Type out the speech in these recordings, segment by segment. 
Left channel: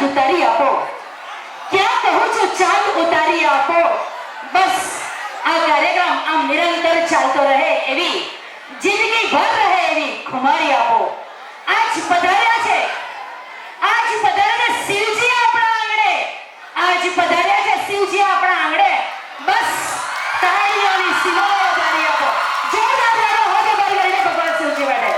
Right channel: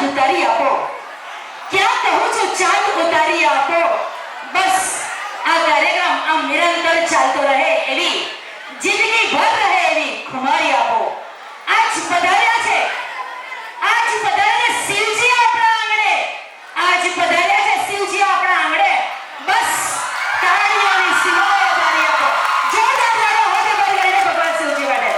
ચાંદ ઉતારી આપો, ક્યાં કહું છું ચાંદ ઉતારી આપો. બસ આ કાર્યક્રમ આમ નિરંતર ચાલતો રહે એવી, જિંદગી ભર રહે એવી ખુમારી આપો. આજ પધાર્યા છે, આજ પધાર્યા શિવજી આપણા આંગણે, આજ પધાર્યા છે શિવજી આપણા આંગણે. બસ તાળીઓની સીમાઓ વધારી આપો. જોરદાર તાળીઓ હાથ ઉપર લઈને ભગવાન શિવજી માટે.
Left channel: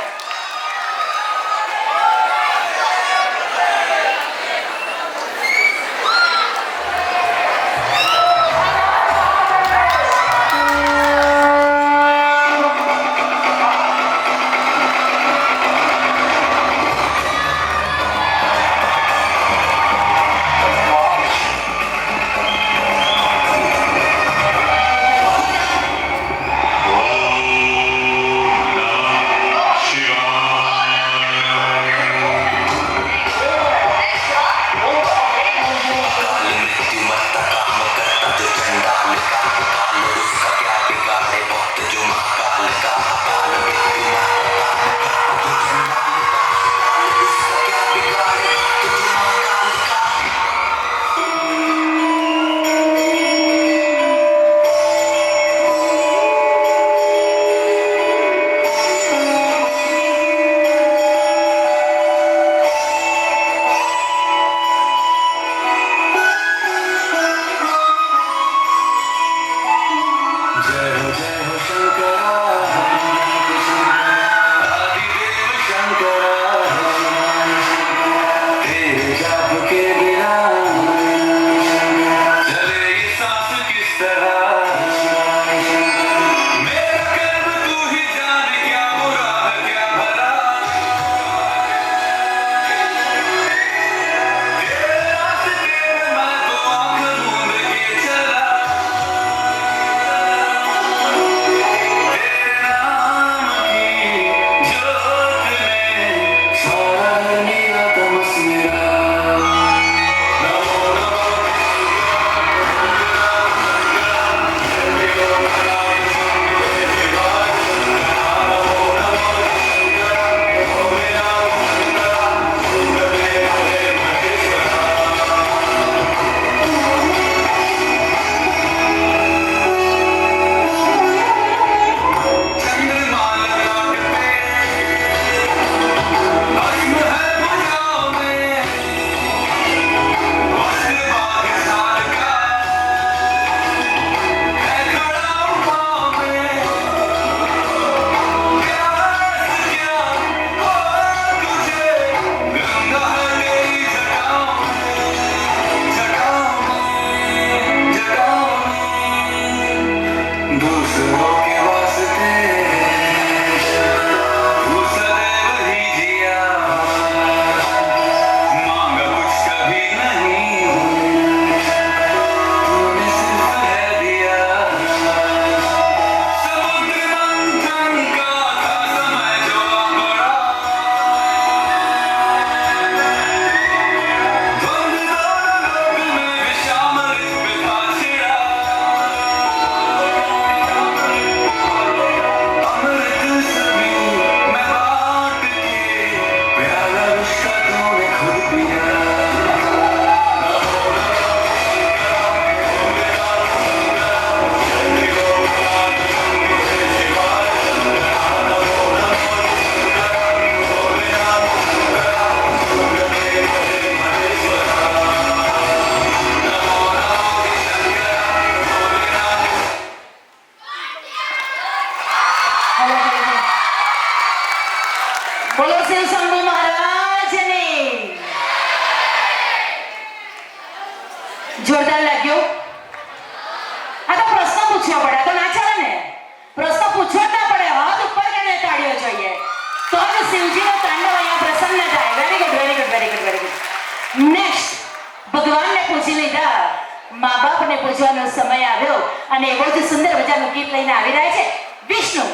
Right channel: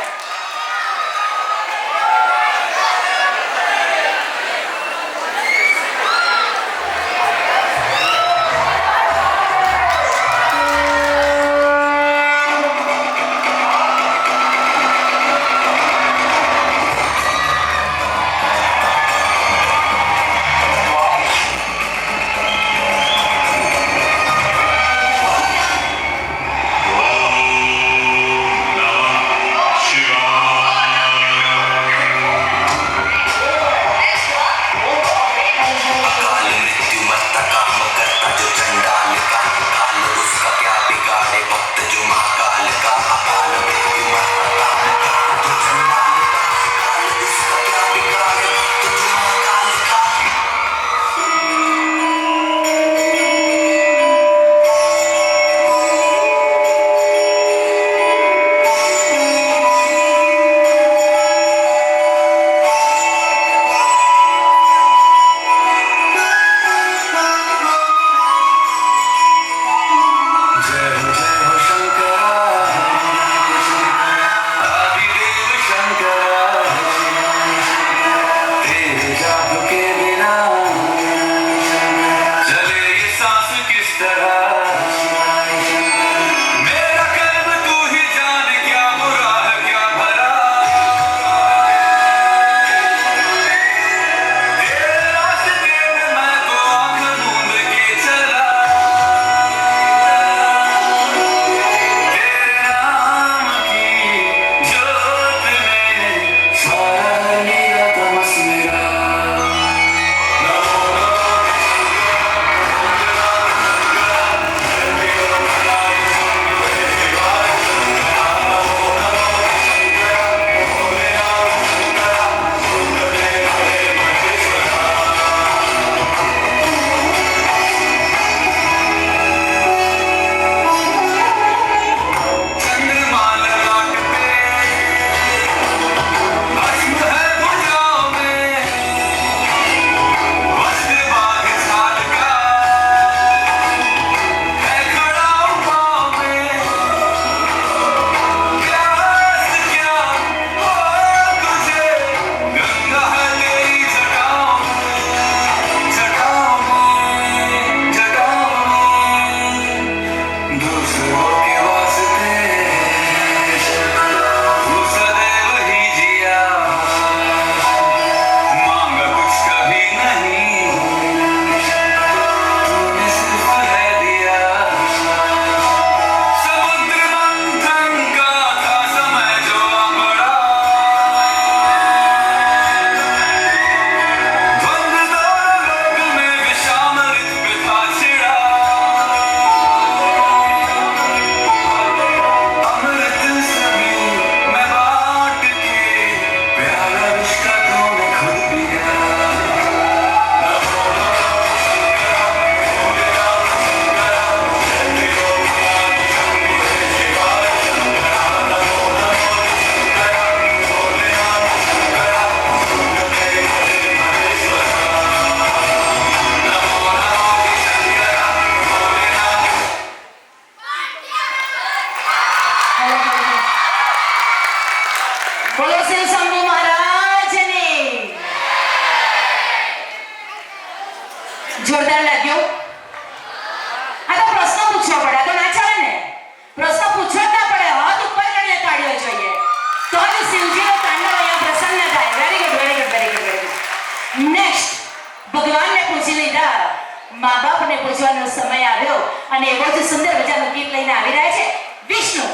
જોરદાર લાગ્યો. આ તો પ્રશ્ન પૂછવા પડે, તો ના ચાલે ને. પ્રશ્ન પૂછવા જ ના પડે, હાથ ઉપર કરીને તાળીઓ જોઈએ તો જ શિવજીનો તાંડવ અહીંયા પ્રસન્ન થાય. Very good, very good, very good, very good. Next ભગવાનને પૂછી લીધા, મા બાપને પૂછવાનો સમય આવ્યો અને એવો જ સુંદર મજાનું ગીત લઈને આવી રહ્યા છે વિષ્ણુ.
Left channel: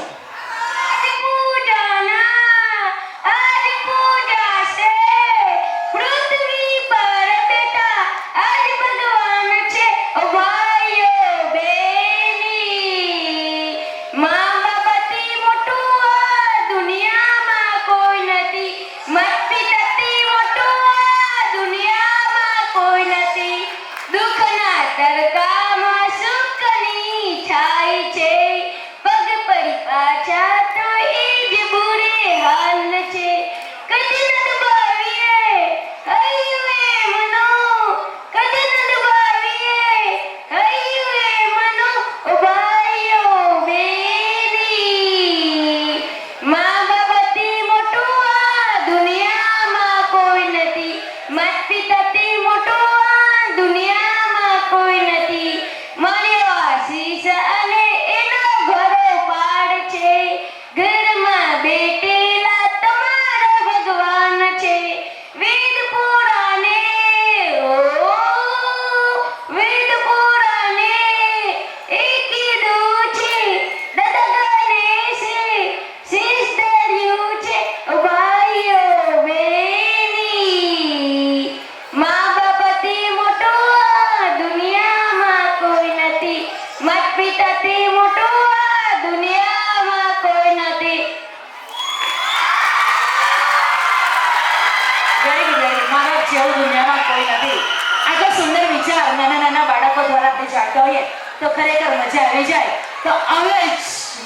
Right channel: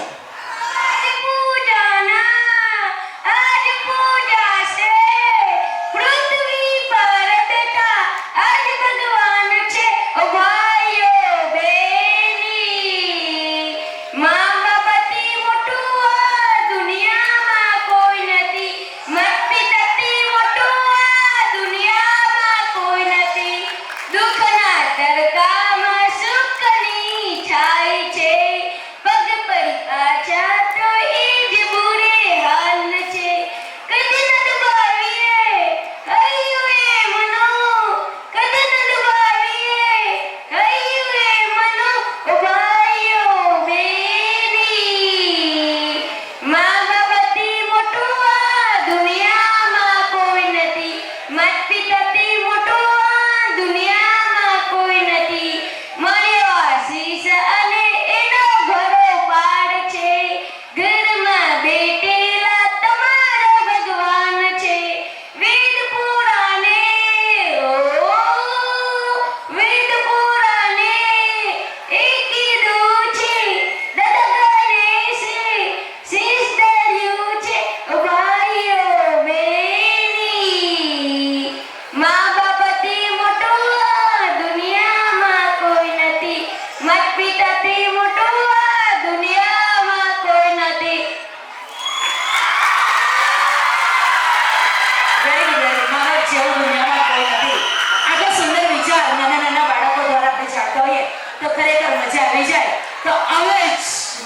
દુનિયામાં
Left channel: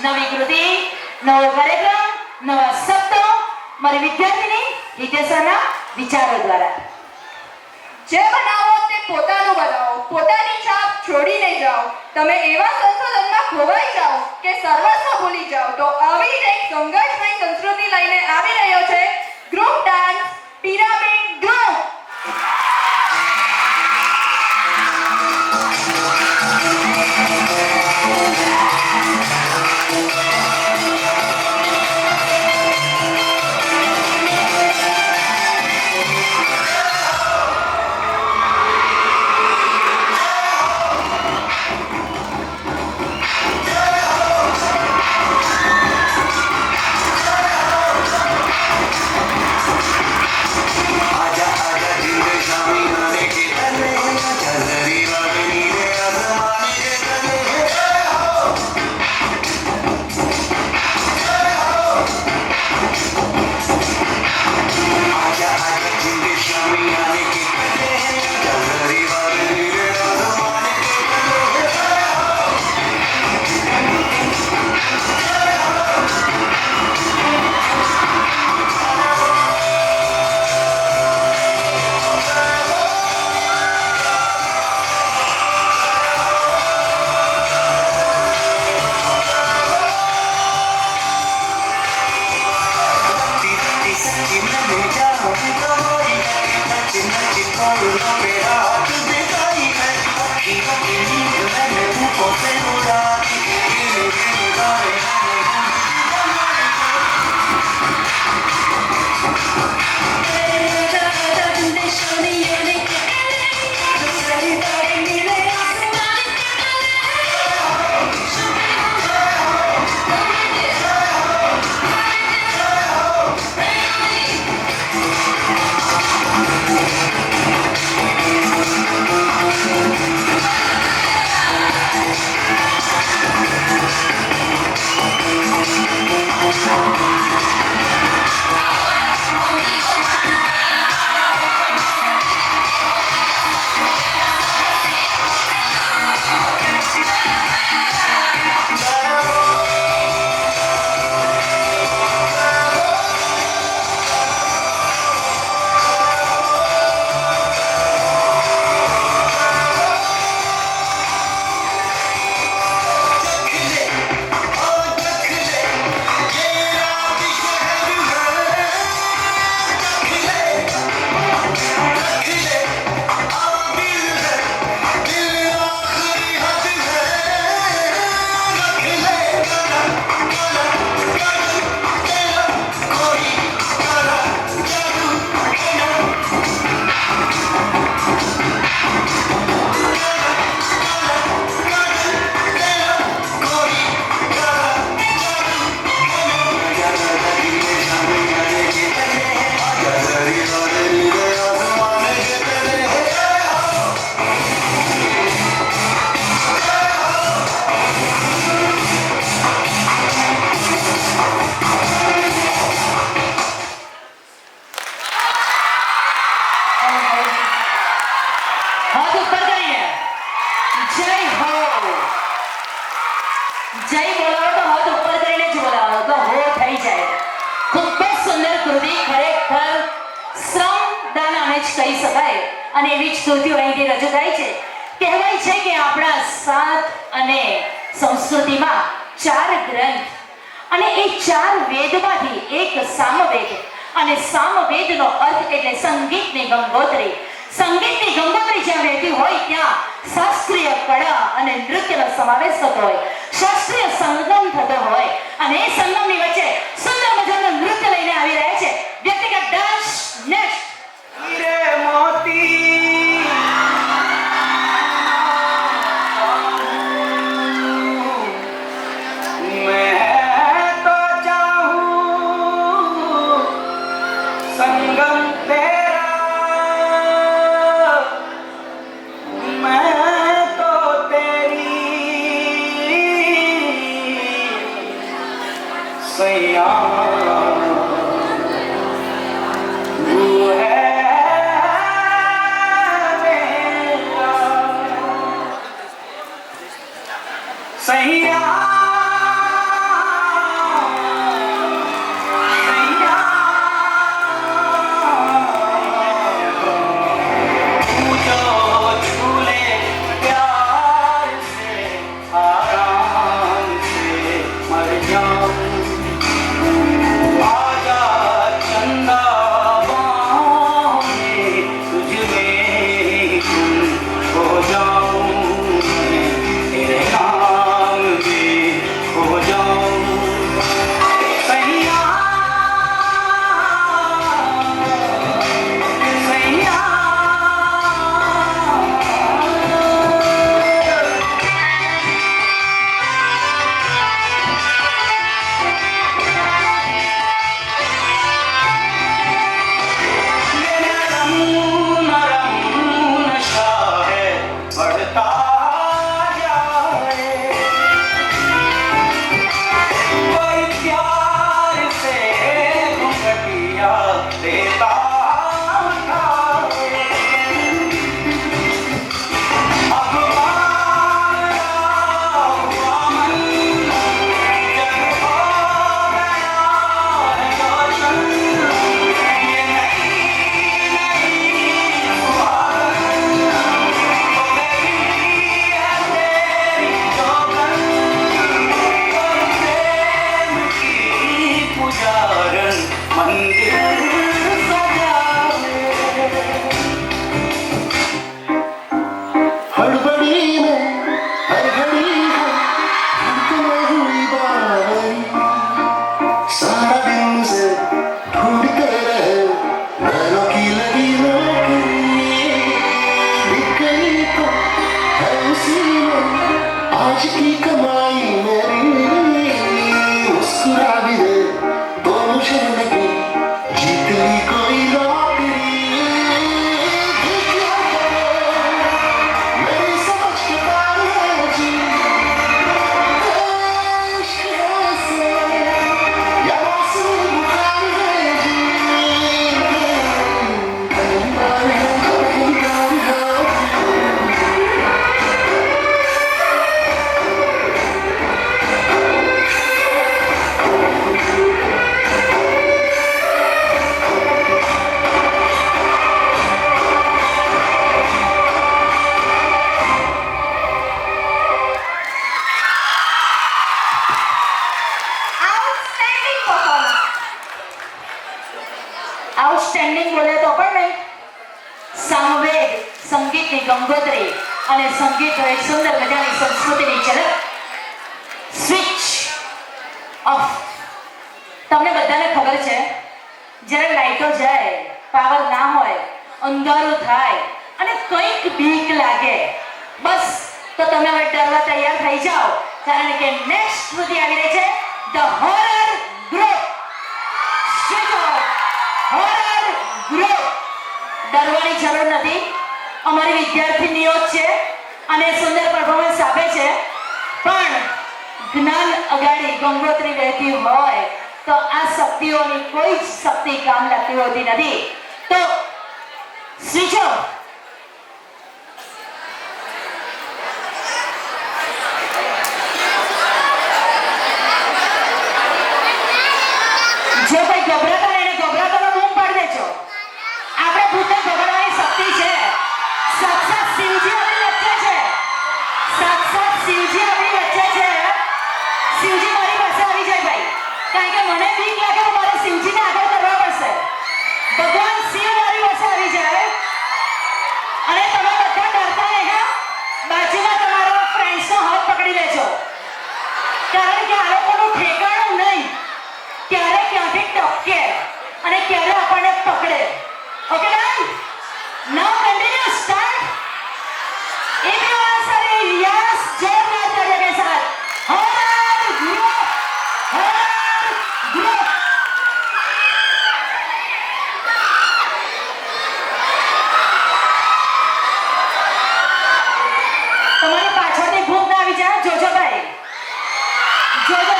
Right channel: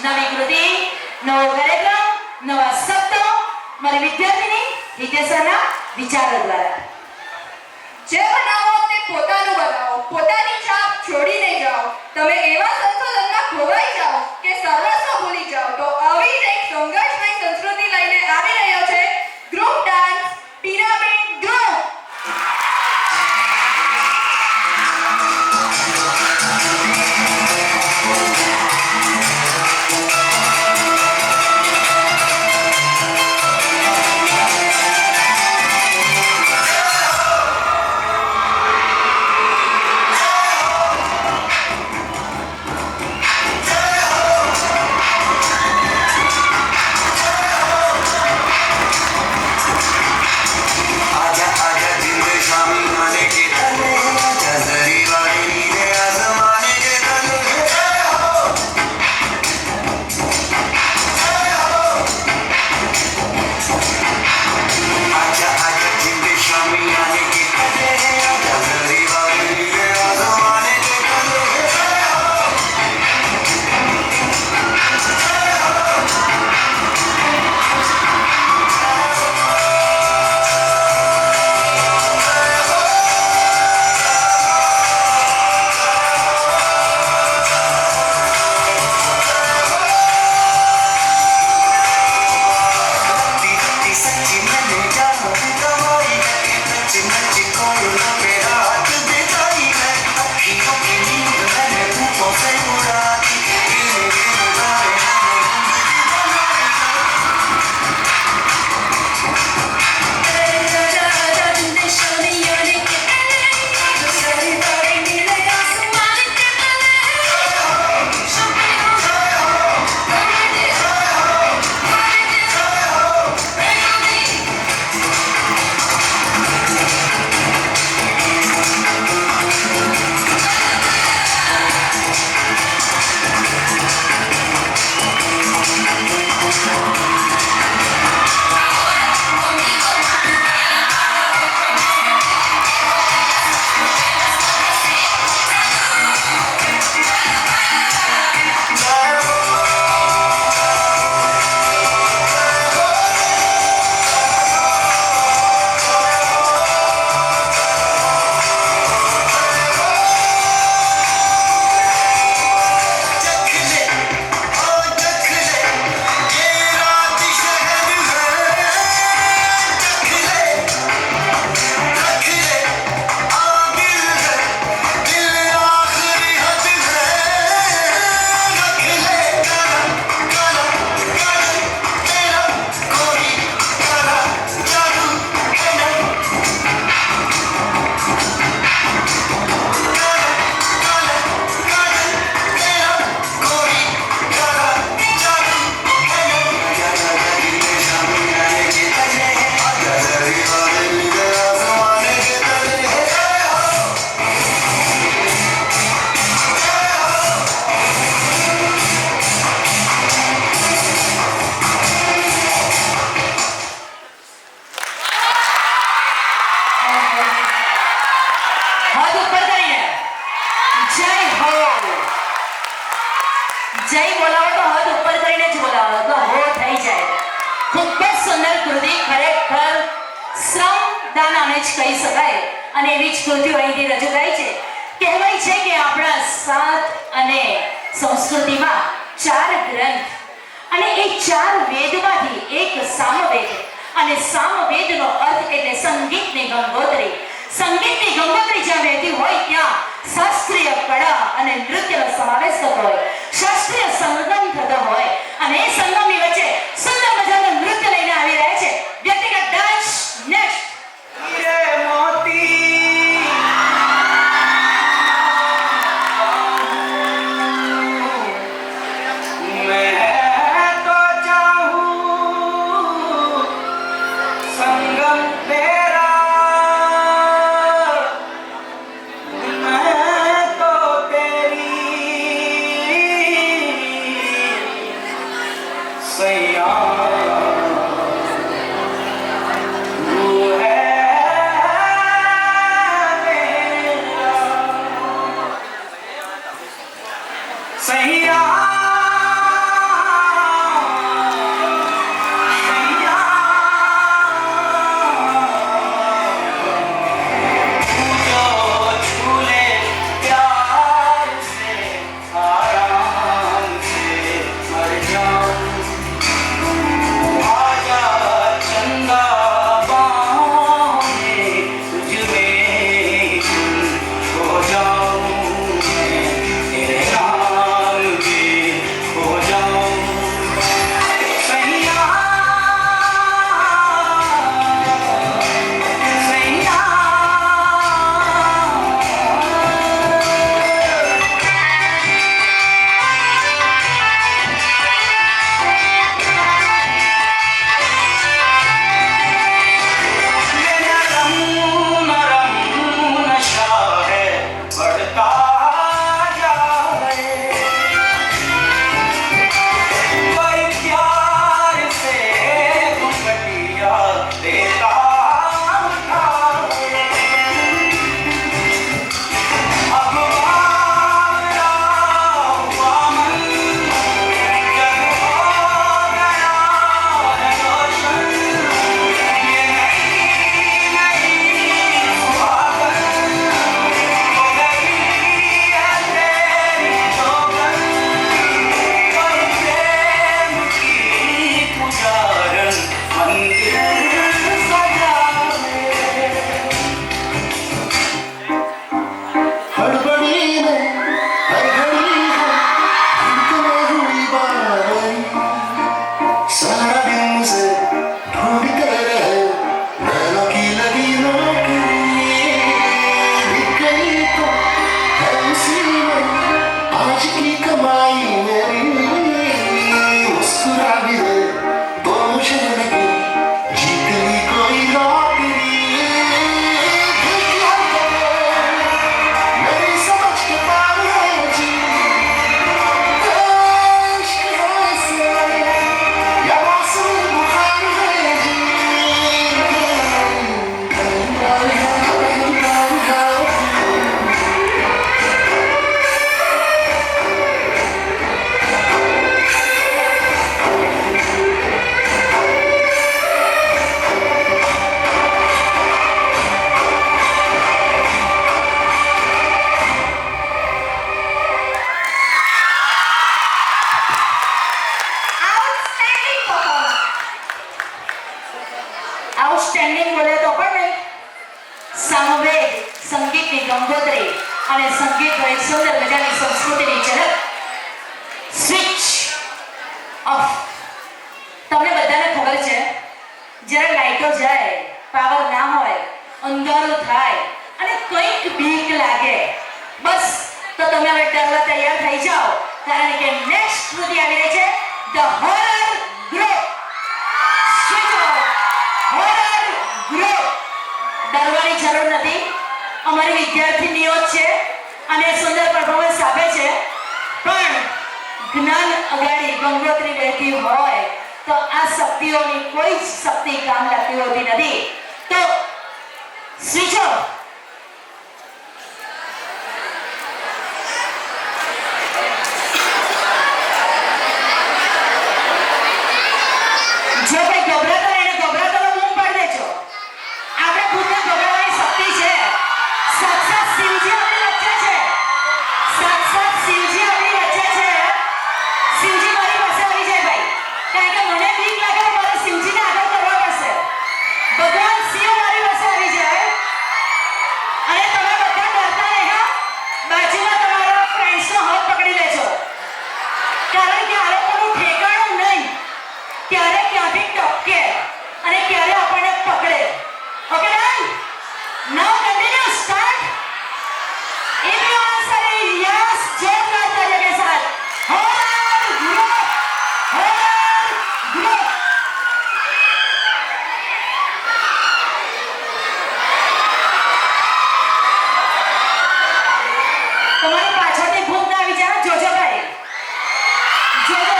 નવી કૃતિ, નવો કાર્યક્રમ, નવા શબ્દો મારી વિદ્યાર્થીની હિતેશના વિચારો દ્વારા. જે બનાવો તે પોતાનું બનાવો, પોતાની છાપ છોડીને જાઓ. તમે એવા સંશોધનમાં ખોવાઈ જાઓ કે સર્વસ્વ ભૂલી જાઓ. તો આવી જ એક સંઘર્ષમય સંસ્કૃતિ લઈને આવી રહ્યો છે ગ્રુપ ડાન્સ પિરામિડ ગ્રુપ. જય બોલાવો તો હાથ ઉપર કરીને જ બોલાવો તો હો થઈ જાય. ખૂબ જ સુંદર કૃતિ, ખરેખર શ્રમદાન આને જ કહી શકાય અને એવી જ કૃતિઓ અહીંથી રજૂ થાય છે. કહેવાય છે કે આપણા સાત અને સંસ્કૃતિમાં 4 ગ્રંથ અને એ 4 વેદમાંથી એક સામવેદ અને સામવેદનો અર્થ એટલે સંગીતની ગંગોત્રી. સંગીતની ગંગોત્રી જ્યાં વહેતી હોય ત્યાં શાસ્ત્રીય કળા અને નૃત્યનો સમાવેશ થતો હોય, શાસ્ત્રીય સંગમ થતો હોય અને એ સંગમની વચ્ચે સુંદર મજાનું નૃત્ય લઈને આવી રહ્યા છે વ્યક્તિગત ડાન્સ. નેક્સ્ટ सैया हो जाऊं सैया सैया मेरा रम नशा है बढ़ता जाए कोई प्यार से घुंघटिया देता उठाए अब मारा हुआ मन जग हो गया है रोशन ये नई सुहागन हो गई है तेरी जोगन कोई प्रेम की पुजारन मंदिर सजाए हड़बड़ी में हर घड़ी है धड़कने हुई बावरी सारा दिन मुझे ढूंढते रहे नैनों की लगी नौकरी बिक गई तो है उसी में आज की कमाई मेरी मुस्कुरा भी दे तो मुझे लगी जीत ली कोई लॉटरी मेरी समझ के बाहर है जी इश्क ऐसे या मौसमी बुखार है जी આઉટસ્ટેન્ડિંગ પરફોર્મન્સ. આઉટસ્ટેન્ડિંગ બોલે તો પણ નહીં. સામવેદ સંગીતની ગંગોત્રી અને સંગીત એક સુંદર મજાની સંસ્કૃતિની ઝલક. Switch off. તમને બધાને ખબર છે જ્યારે લાઈટો જાય, પાવર ના હોય, અંધારું થાય અને કંઈક બીક લાગે, બસ તો તમે હવે ડરવા તૈયાર થઈ જાઓ, કારણ કે નેક્સ્ટ કૃતિ આવી રહી છે the horror group. Switch off. Horror group. ડરવાની જરૂર નથી. અમારી વિદ્યાર્થીનીઓ જ છે અને સુંદર પરફોર્મન્સ આપે છે, પણ જ્ઞાન અગાડી ગંગોત્રી વહેતી હોય તો આ શક્તિઓની કોઈ જ શક્તિ કામ લાગતી હોતી નથી. તો સ્વિચ ઓફ. જો કોઈ ગભરાતા હોય એને ગભરાતાનો બૂમ પાડી દેજો. આપણે ખુદને ગભરાવાની શક્તિ છે. સાક્ષાત શિવજી આપણી વચ્ચે છે. સાક્ષાત શિવજી આપણી વચ્ચે છે. શિવજી મારી પાસે આવી જાય ભાઈ, કારણ કે મને બીક લાગે તો મારે શિવજીને આગળ કરવા પડશે. ભગવાન શિવ મારી પાસે આવી જાય અને તમે બધા ડરતા નહીં હો. બાજુમાં તમારા ફ્રેન્ડ્સનો હાથ પકડી લેજો, કારણ કે આ લોકોનું ઠેકાણું નહીં. ક્યારે ક્યાંથી ટપકે અને ક્યારે આપણને પકડે. Okay done? Now continue start. If you answer yes, જોરદાર તાળી के साथ. Horror group. Horror group. તમારી પાછળથી ભૂત ના આવી જાય, જોજો ભાઈ, જોજો.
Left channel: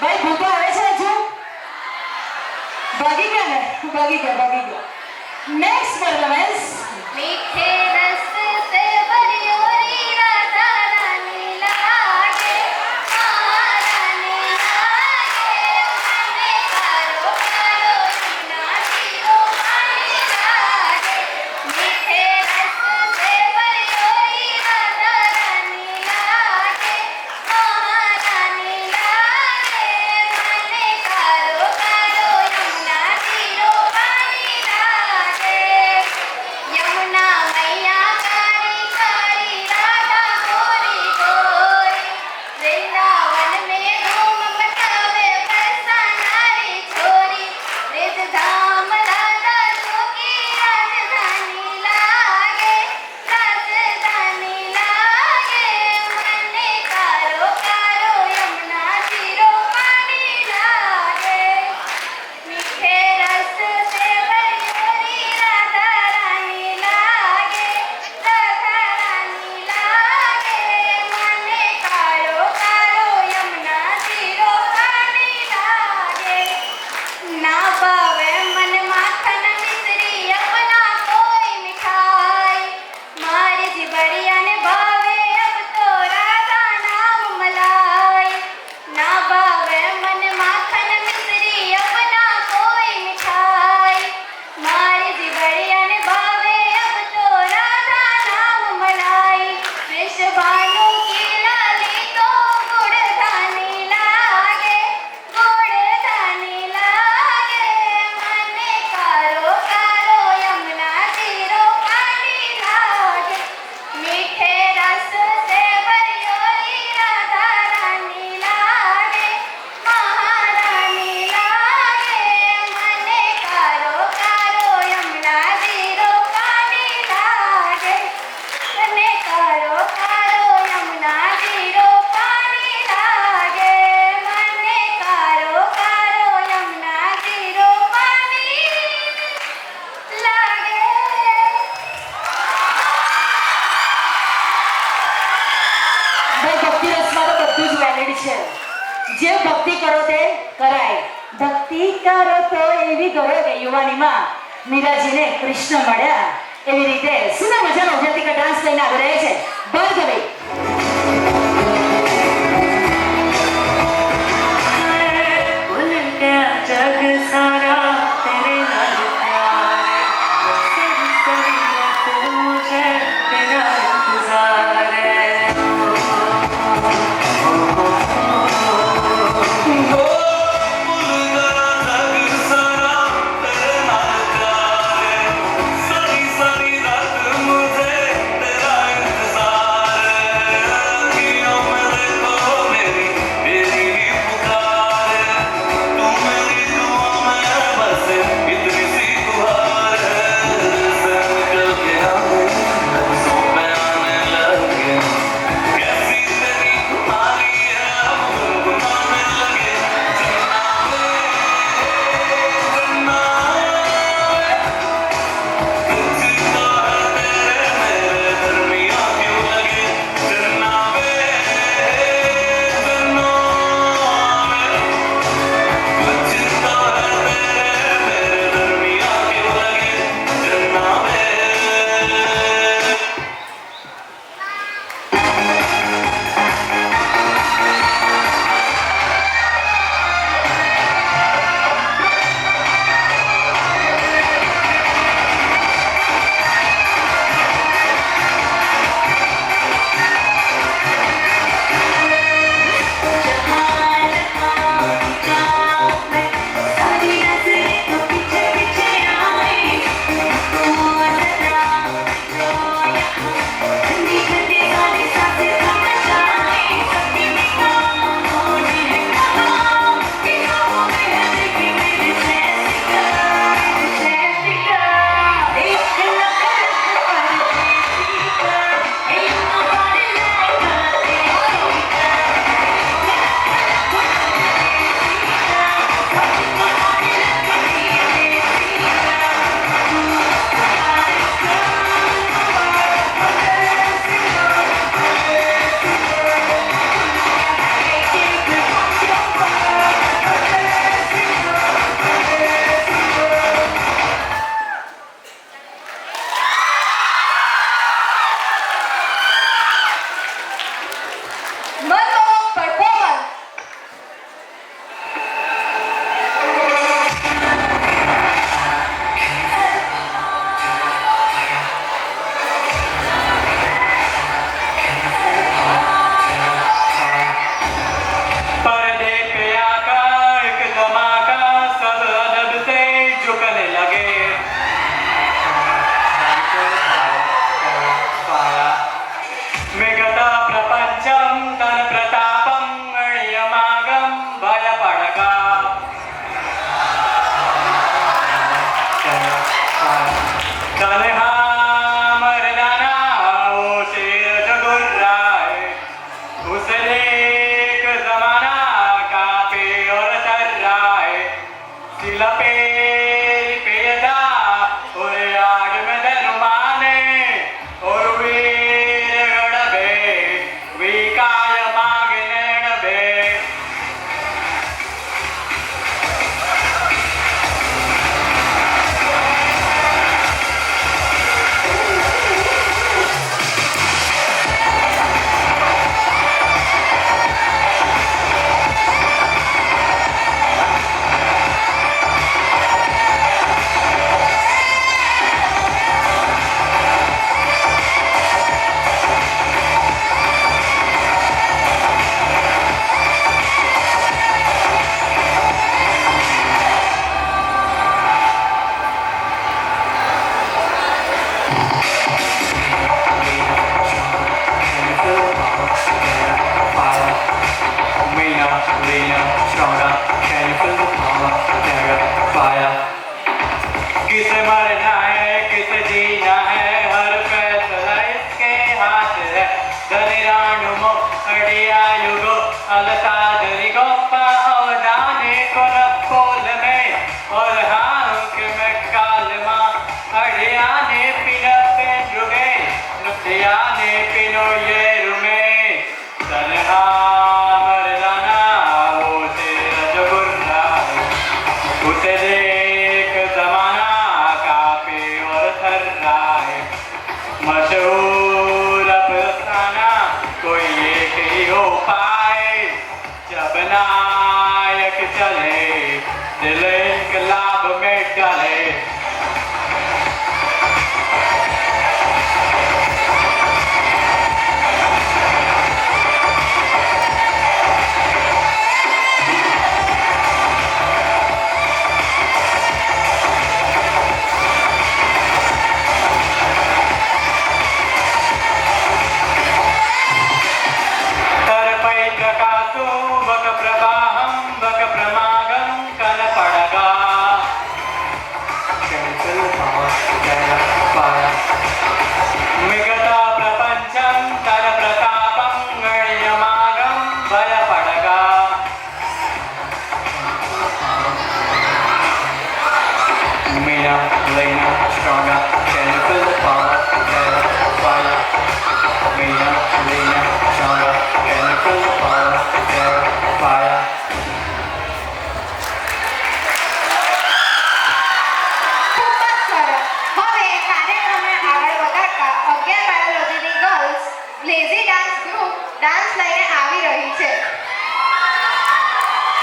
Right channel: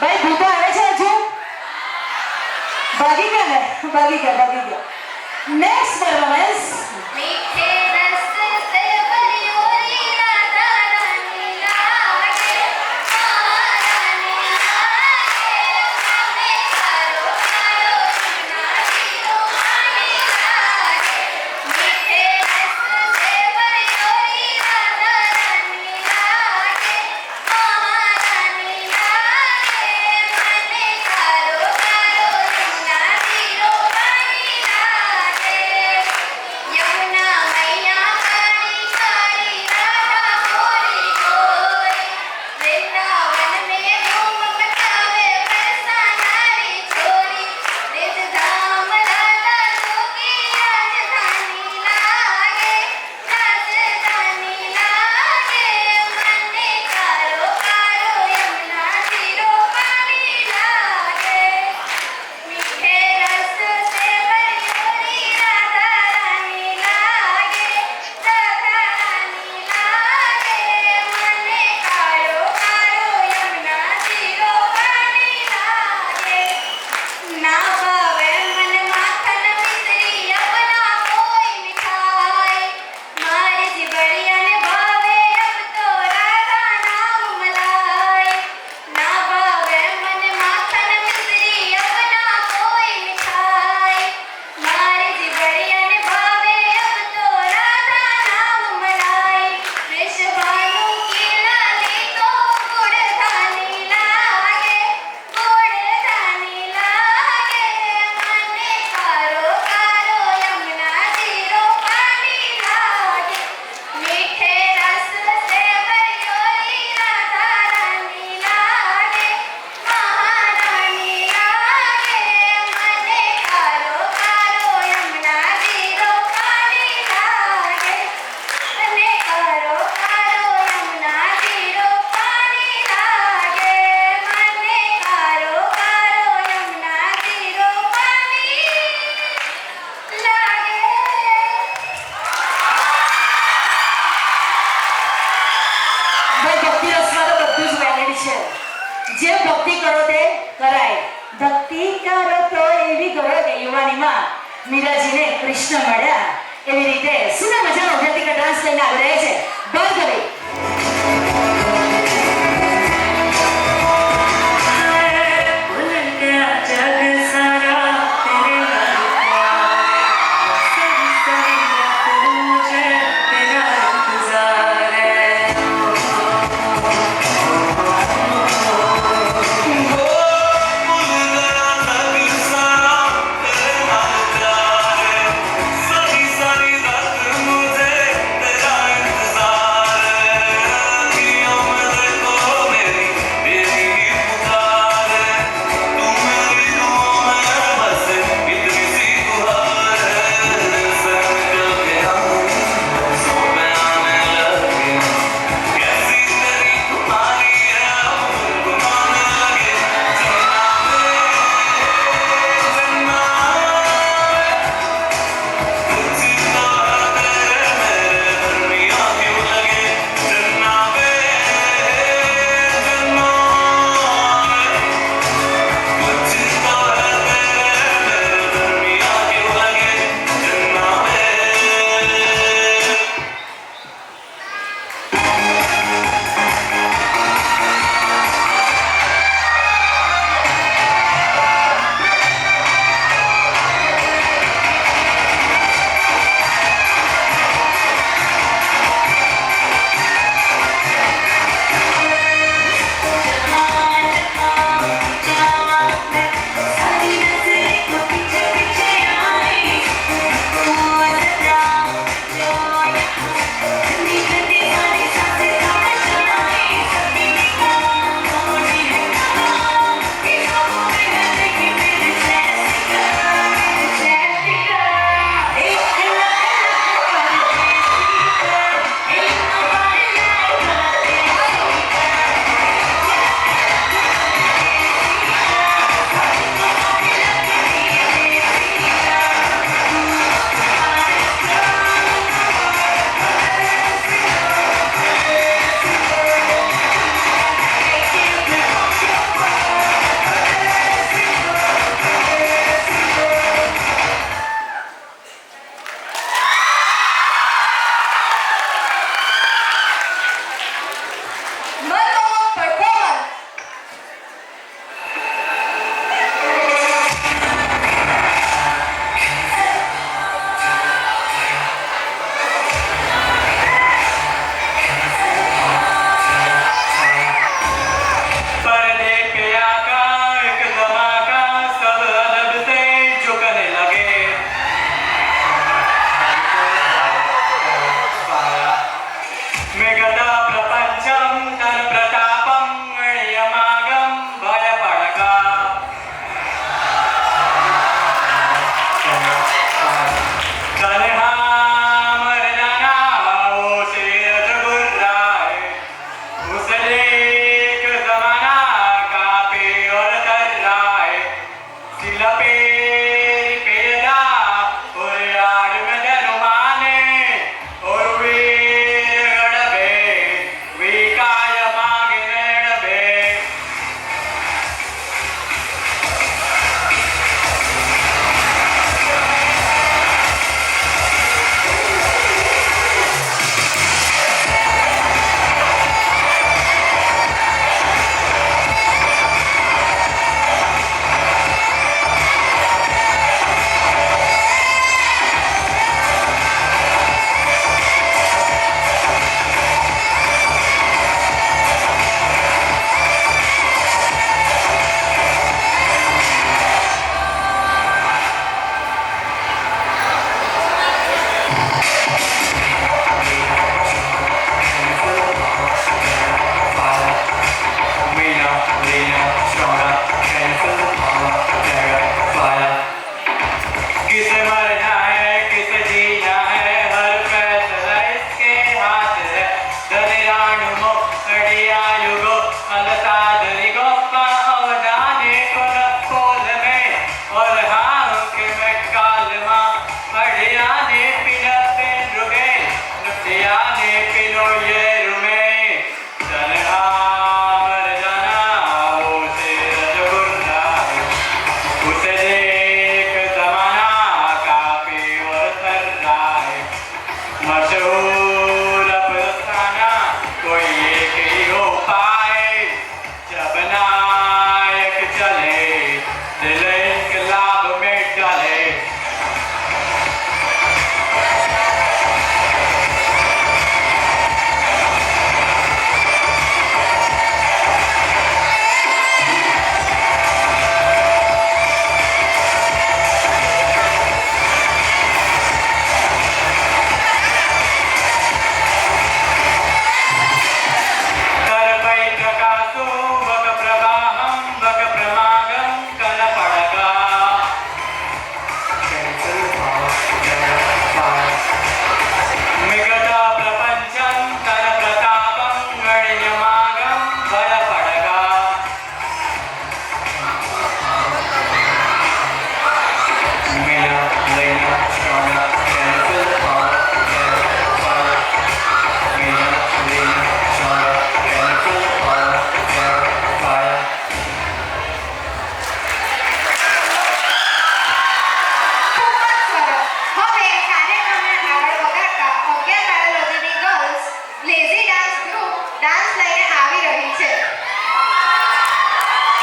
ભાઈ ભૂતા આવે છે હજુ ભાગી ગયા ને ભાગી ગયા નેક્સ્ટ પરફોર્મન્સ મીઠે રસ સે ભરિયોરી રાધા રાની લાગે મહારાની લાગે કારો કારો નાચીઓ પાણી લાગે મીઠે રસ સે ભરિયોરી રાધા રાની લાગે મહારાની લાગે મને કારો કારો નાચીઓ પાણી લાગે યમુના મૈયા કાળી કાળી રાધા ગોરી ગોરી વૃંદાવન में धूम मचावे बरसानारी छोरी निज धाम राधा जोगी राजधानी लागे મને કારો કારો યમુના જીરો પાણી લાગે મીઠે રસ સે ભરિયોરી રાધા રાની લાગે મને કારો કારો યમુના જીરો પાણી લાગે ના ભાવે મને માખન મિશ્રી અબના કોઈ મીઠાઈ મારે જીવડિયાને ભાવે અબ તો રાધા નામ મલાઈ ના ભાવે મને માખન મિશ્રી અબના કોઈ મીઠાઈ મારે જીવડિયાને ભાવે અબ તો રાધા નામ મલાઈ વૃષભાનું કીળાલી તો ગુડધાની લાગે મને કારો કારો યમુના જીરો પાણી લાગે મીઠે રસ સે ભરિયોરી રાધા રાની લાગે મહારાની લાગે મને કારો કારો યમુના જીરો પાણી લાગે મને કારો કારો યમુના જીરો પાણી લાગે મને કારો કારો યમુના જીરો પાણી લાગે ભાઈ ભક્તિ રસમાં તો બધું જ વેલિડ છે જે ભક્તિ કરો તે કરાય ભક્તિ કરો તો એવી કરો કે યુવાનીમાં મીરાજીને કૃષ્ણ મળ્યા એવી રીતે સુના મજાનો ઉદ્યોગિક ડાન્સ કરીને આવી રહે છે ભાર્ગવી मुझे तेरा इंतजार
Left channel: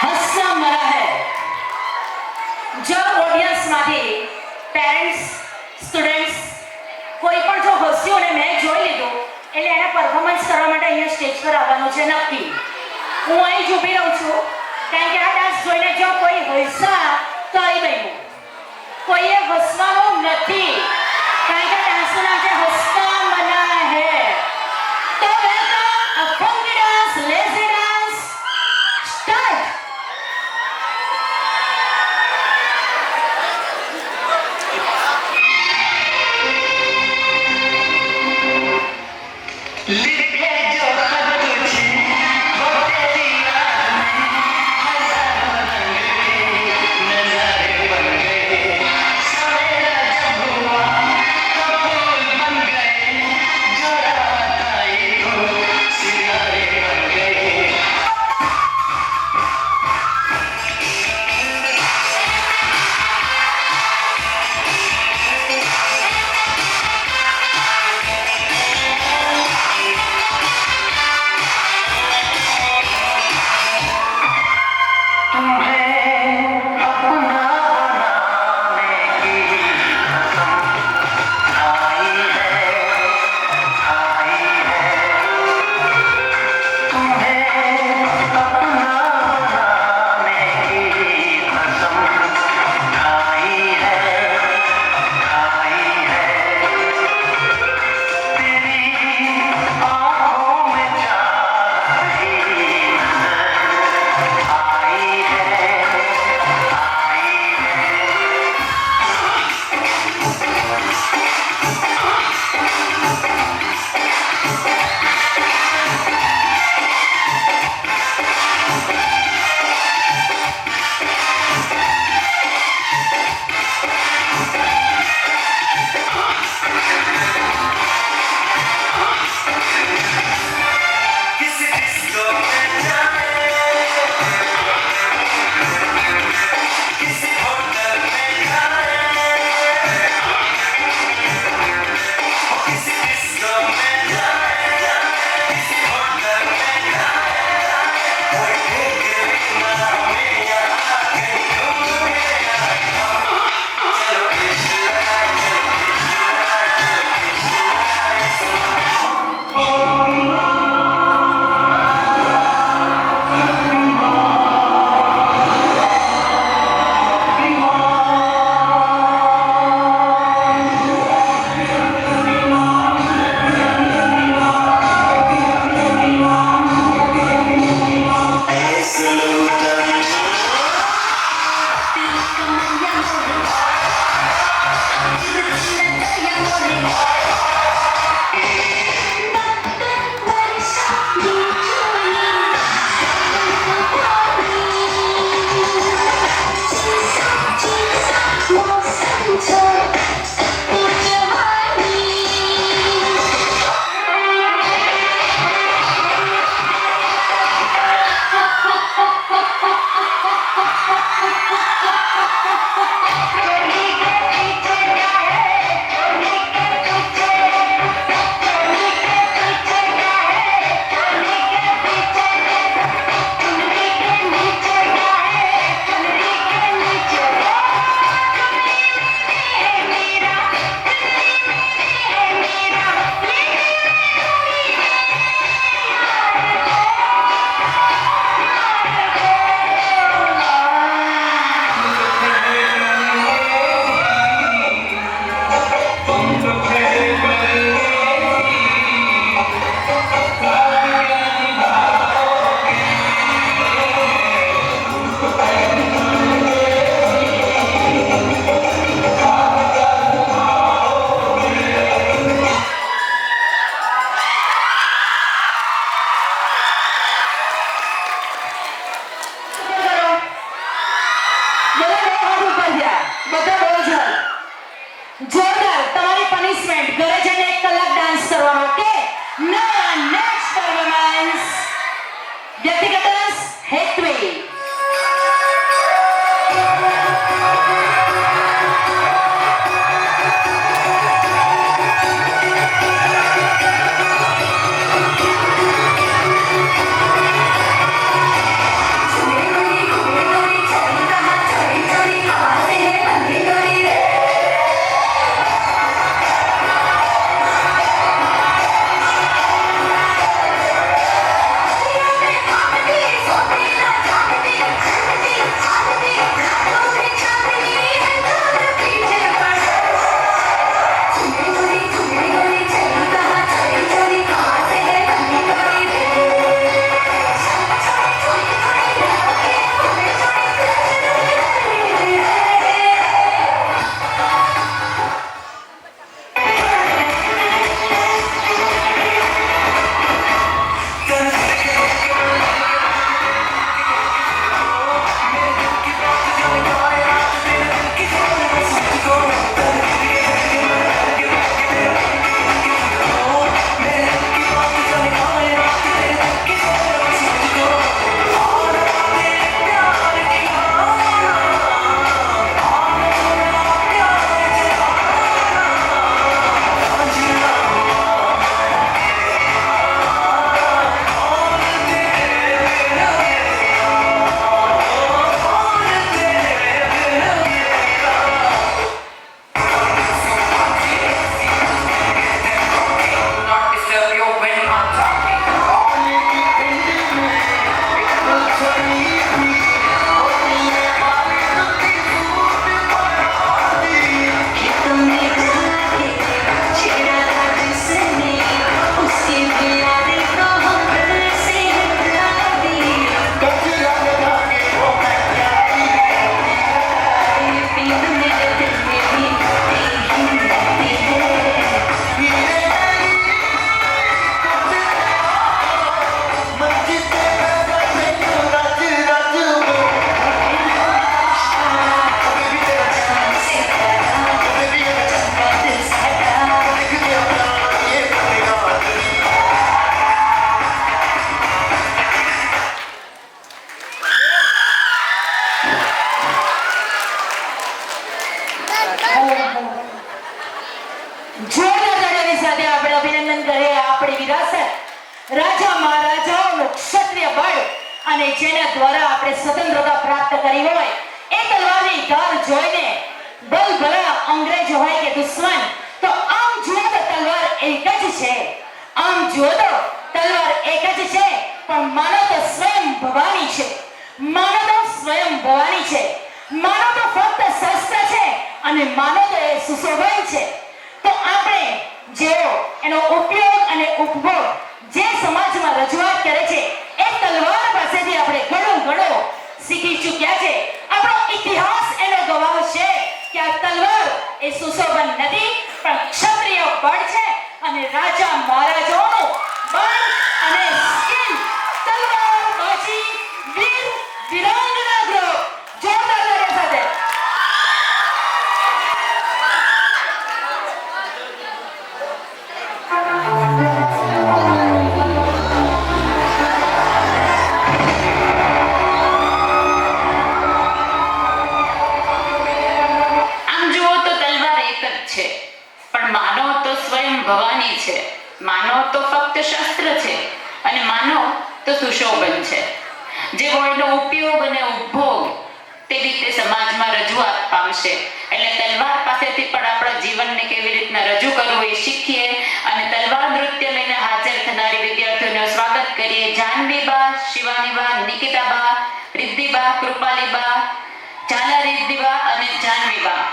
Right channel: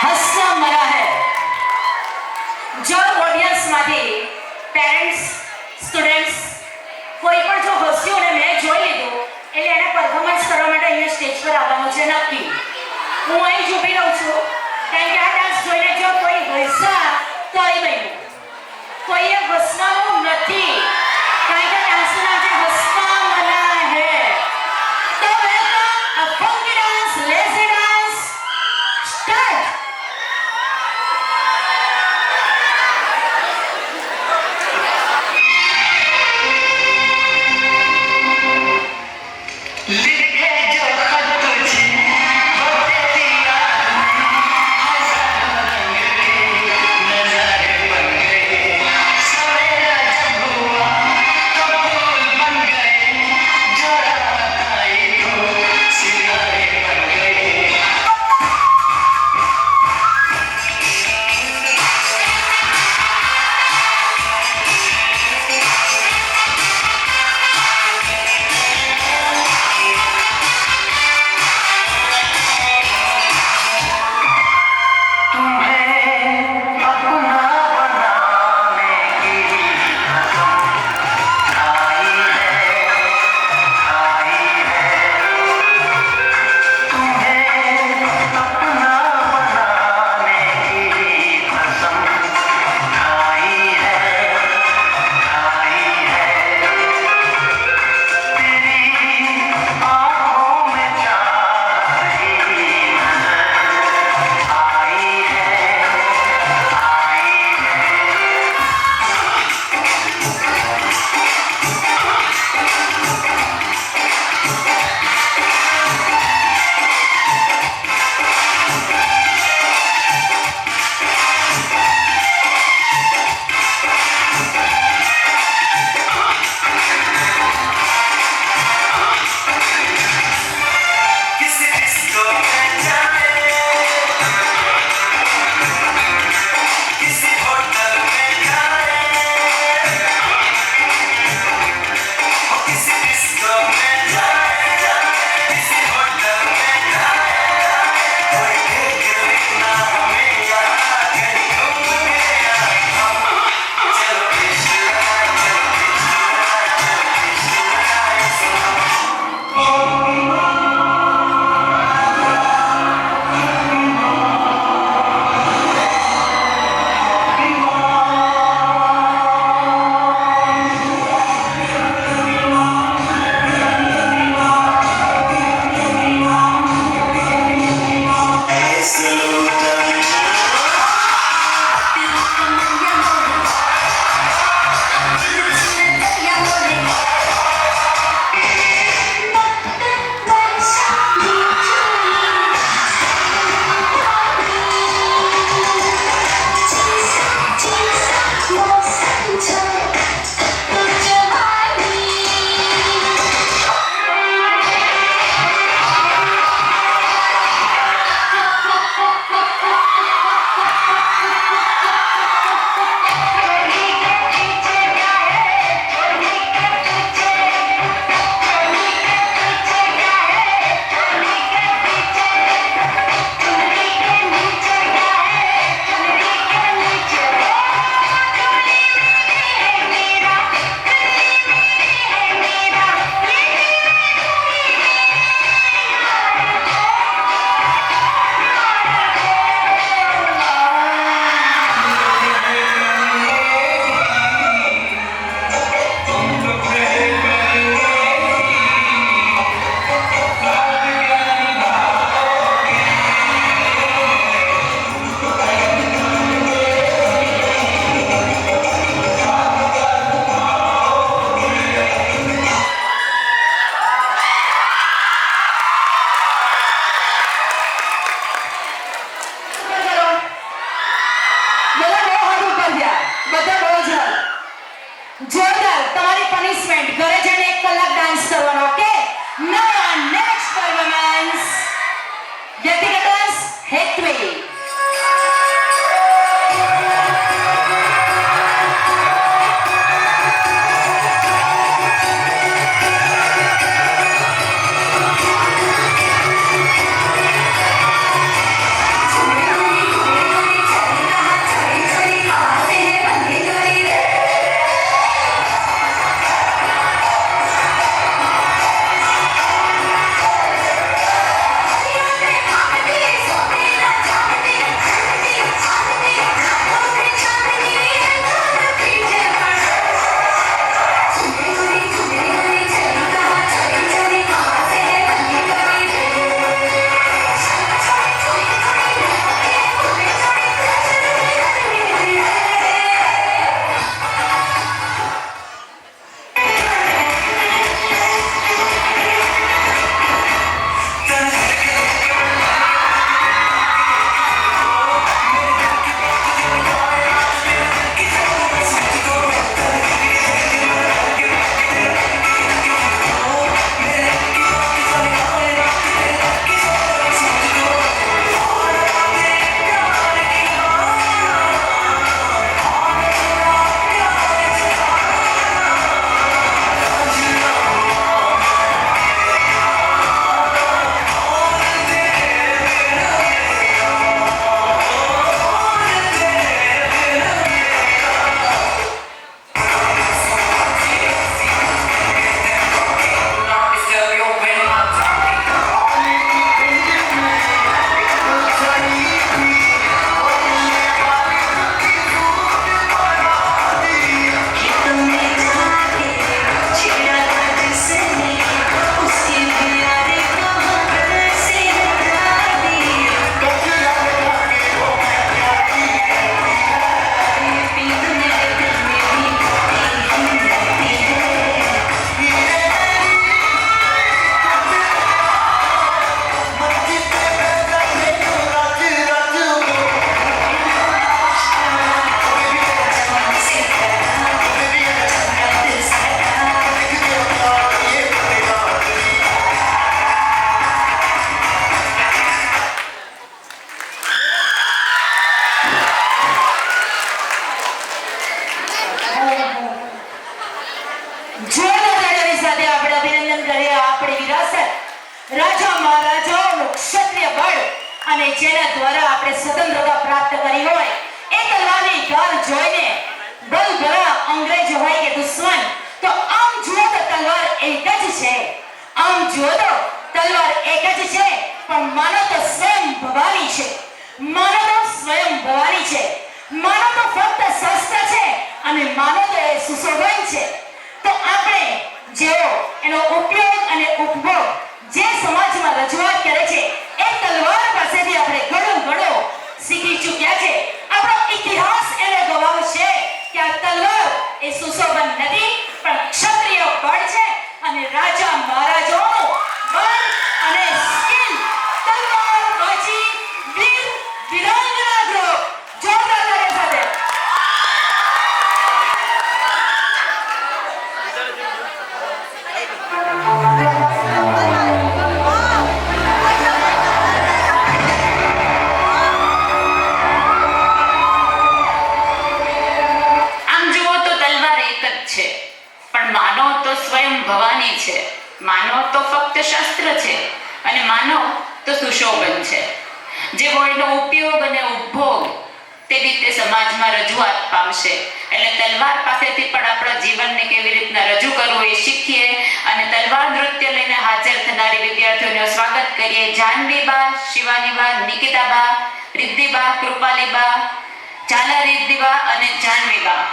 હસના મરા હૈ. જો ઓડિયન્સમાંથી પેરેન્ટ્સ, સ્ટુડન્ટ્સ કોઈ પણ જો હસ્યું ને મેં જોઈ લીધું એટલે એને પરફોર્મન્સ કરવા માટે અહીંયા સ્ટેજ પર આવવાનું છે નક્કી. હું અહીં જ ઊભી રહું છું કારણ કે આ ડાન્સ જોઈને જો કોઈ હસા તો અહીં બન્યું. કોઈએ હસવાનું નથી કારણ કે ડાન્સનું નામ છે હસના મના હૈ. તો welcome a funky dance, lazy dance start. लिखे जो खत तुझे वो तेरी याद में नजारे बन गए सवेरा जब हुआ तो फूल बन गए जो रात आई वो सितारे बन गए જોરદાર તમારી પનિશમેન્ટ ઘરે જઈને 1 કલાક ડાન્સ કરવાનો. ઓકે, now next performance વ્યક્તિગત ડાન્સ હેતવી. Thank જેના દ્વારા આપણે સ્વતંત્રતા પ્રાપ્ત કરી હોય એ તલવારની ધાર જોઈને બલભલા અંગ્રેજ હોય કે દુશ્મન તો આમ જુઓ તો તલવાર એક જ છે. આમ જુઓ તો તલવાર એક જ છે, પણ માનો તો સ્વયં ભવાની છે. માનો તો સ્વયં ભવાની છે. માનો તો ફક્ત શસ્ત્ર છે અને માનો તો એ સુશોભન છે. તો આપણે જેઓ એનો ઉપયોગ અને ઉપભોગ જે સમાજમાં રજૂઆત કરે છે એ તલવાર પાસેથી આપણે ઘણું શીખી ચૂક્યા છે. આપણો ઇતિહાસ એનો ગવાહ છે કે આ તલવાર એ સુશોભન નથી, પણ ક્ષત્રિય બળ છે અને રાજા મહારાજાઓનું બળ અને સ્કિલ. તલવાર બાજી વીર વીરાંગના ગ્રહ જોરદાર તાળી સાથે. આમ જુઓ તો તલવાર એક જ છે, પણ માનો તો સ્વયં ભવાની છે. માનો તો ફક્ત શસ્ત્ર છે અને માનો તો સુશોભન છે. જેવો એનો ઉપયોગ અને ઉપભોગ તેવી રીતે સમાજમાં રજૂઆત પામશે. એટલે તલવાર પાસેથી પણ આપણા જીવનને કેવી રીતના રજૂ કરવું એ શીખીએ અને તલવાર નૃત્ય લઈને હાજર થનારી વિદ્યાર્થીઓનું સ્વાગત કરીએ. જાનવીબા, શિવાનીબા, નિકિતાબા, રિદ્ધિબા, કૃપાલીબા, ઝાલા રિદ્ધિબા અને જાનવીબા.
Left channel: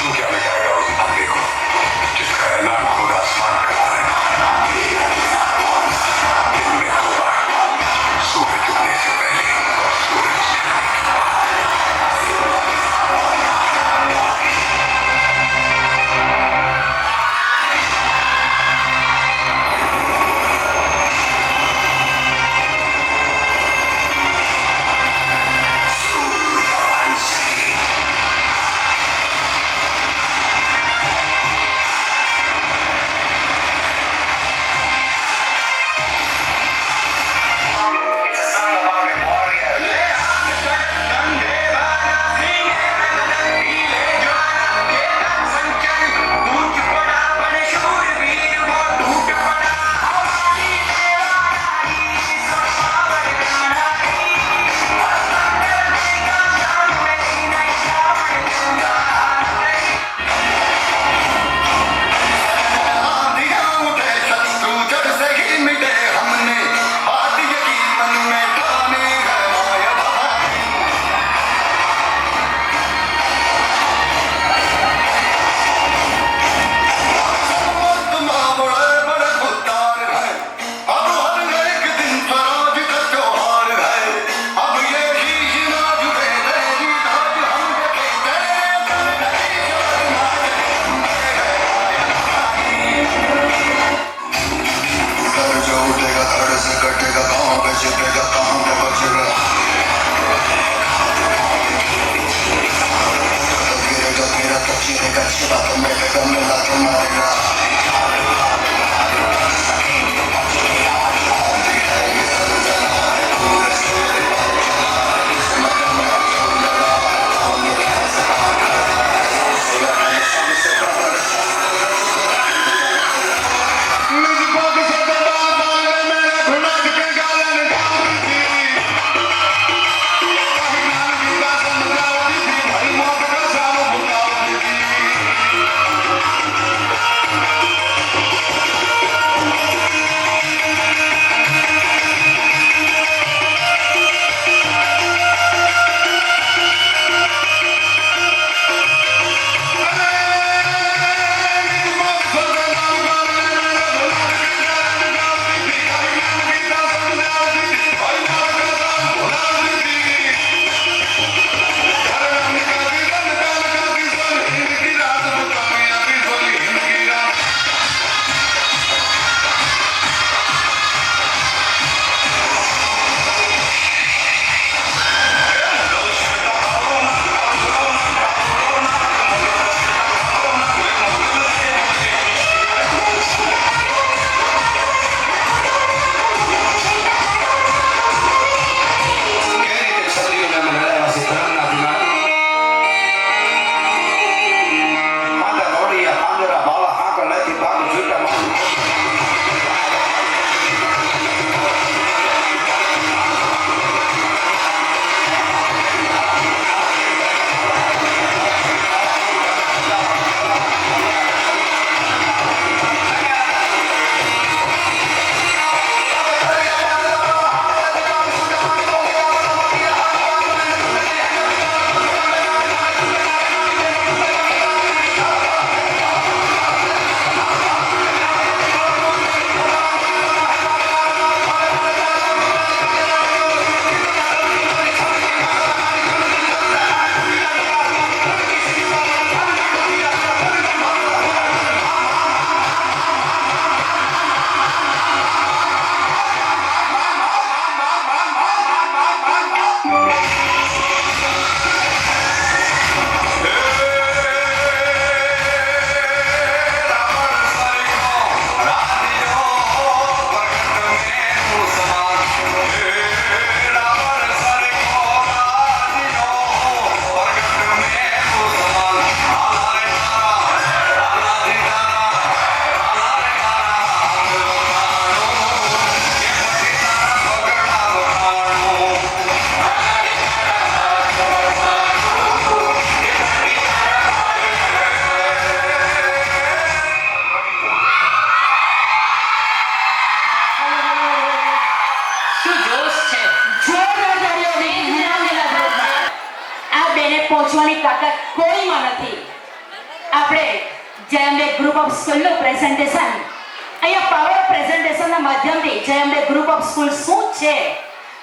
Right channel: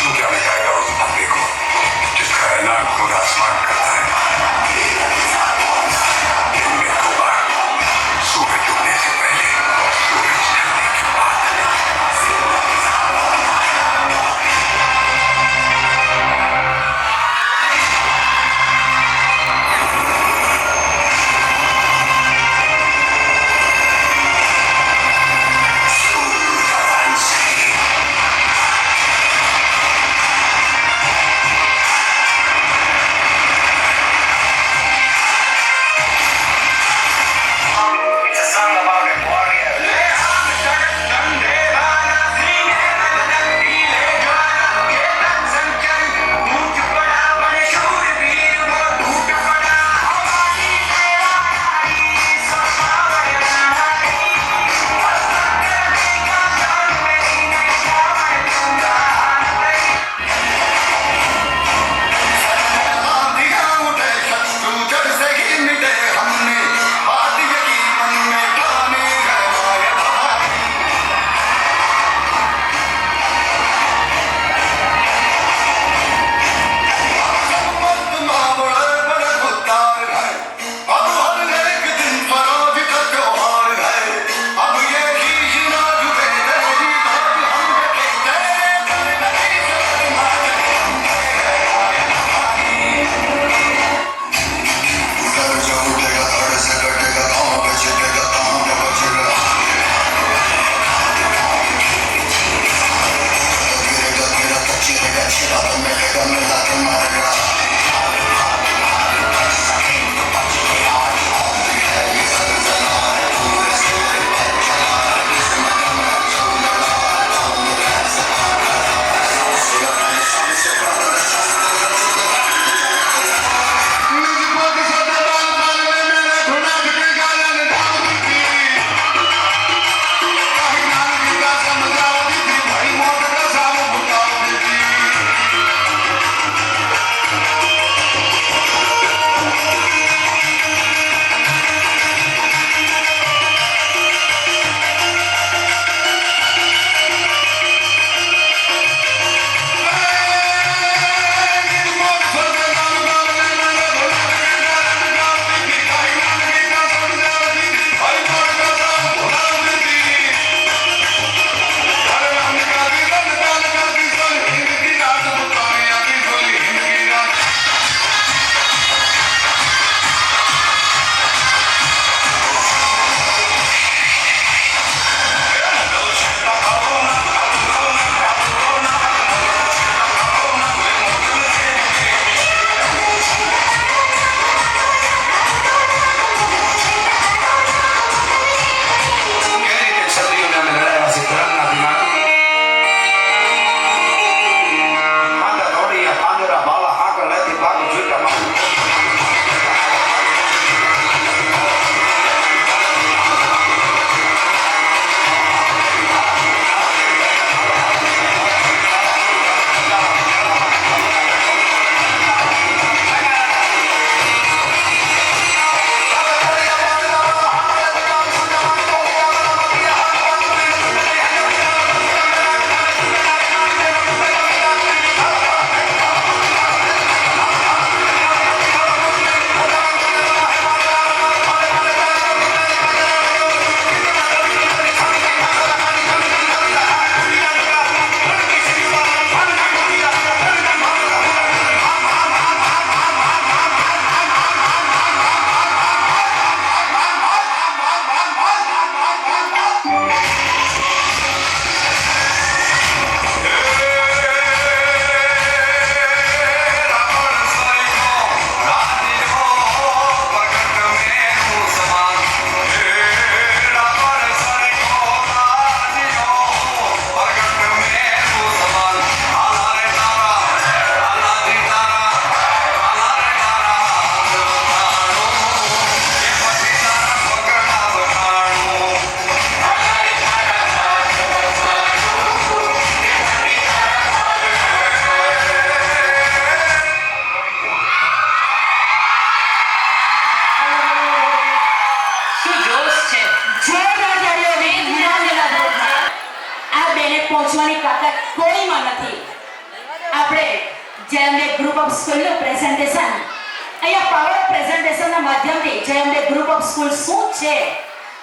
तू क्या ले जाएगा उस बंदे को जिसका ऐलान खुद आसमान करता है? दिन में होगा, सूरज डूबने से पहले, सूरज ढलने के बाद। It's a song about a warrior. आंधियां उठे शत्रु जब से ही मिटे हमने, बात यकीन मन में ठाने है माया भवानी। संवत्सर बड़े बड़े खुद्दार है, अब हर एक दिन स्वराज का त्योहार है। अब ये शीश ना झुके, तेरी ध्वज हम रखेंगे, चल गई कर्ज उठेगा, धड़ से कटेगा, गाँव में छिपेगा, गाँव में बचेगा। गिरेगा गिरा तो चिरेगा, चिरा तो मिलेगा, मिला के मारेगा। निज पद से दबा पाले मेरे धुना के गालन गाऊंगी। कहीं नाम की का समझाऊंगी थी, भाई मौत का साम बुलाऊंगी। પહોંચવાની તાકાત કોઈમાં નથી. આપણે જયંબે ગ્રુપ ઓફ સ્કૂલનું પ્રેઝન્ટેશન અહીંયા પાવર પ્રેઝન્ટેશનના માધ્યમથી જયંબે ગ્રુપ ઓફ સ્કૂલ શું છે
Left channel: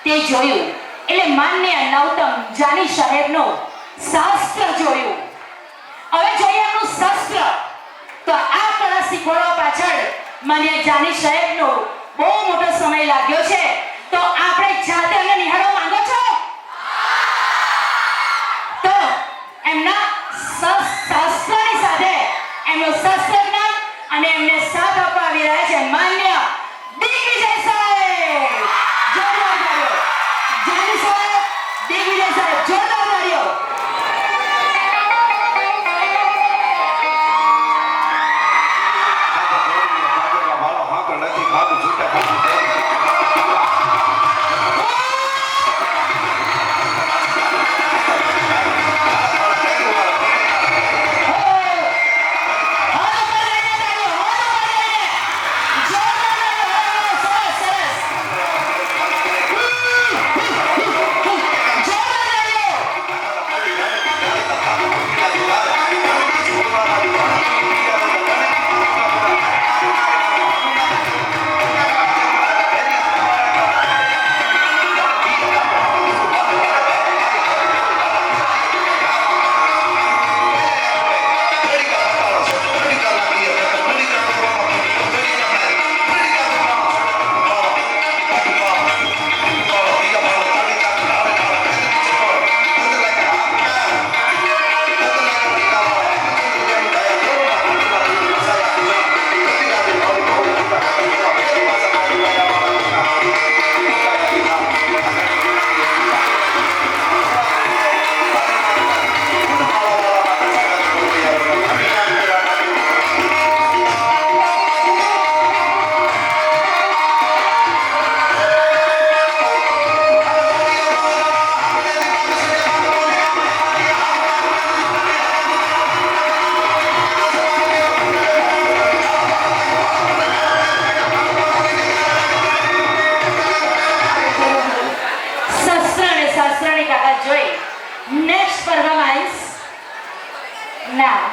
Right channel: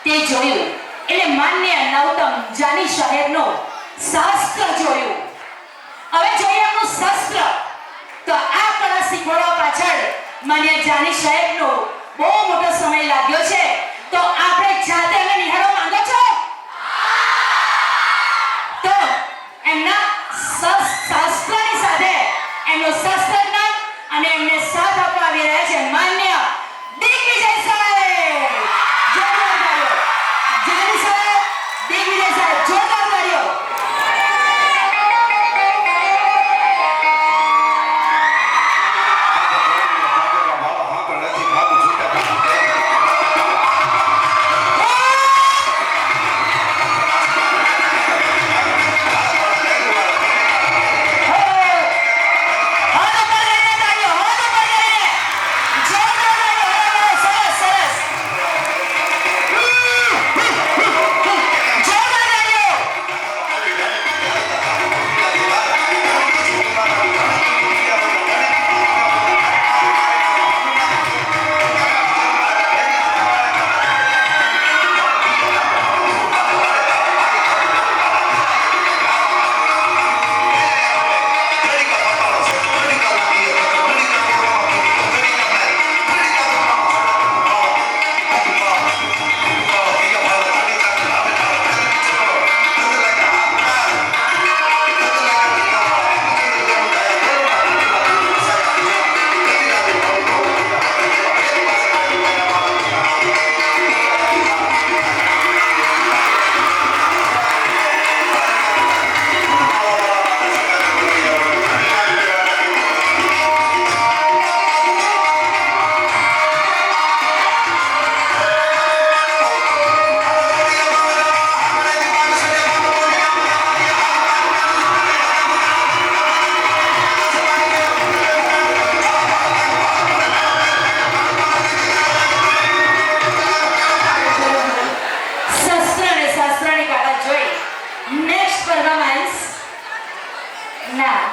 તે જોયું. એટલે માન્ય નૌતમ જાની સાહેબનું શાસ્ત્ર જોયું. હવે જોઈએ આપણું શાસ્ત્ર. તો આ કળા શીખવાડવા પાછળ માન્ય જાની સાહેબનો બહુ મોટો સમય લાગ્યો છે. તો આપણે જાતે એને નિહાળવા માંગો છો? તો એમના શાસ્ત્રની સાથે એમનું શાસ્ત્ર જ્ઞાન અને એમને સાથ આપવા આવી રહ્યા છે માન્ય દિગ્વિજય સાહેબ. જોરદાર તાળીઓ. જાની સાહેબ, દિગ્વિજય સાહેબ, જોરદાર તાળીઓ.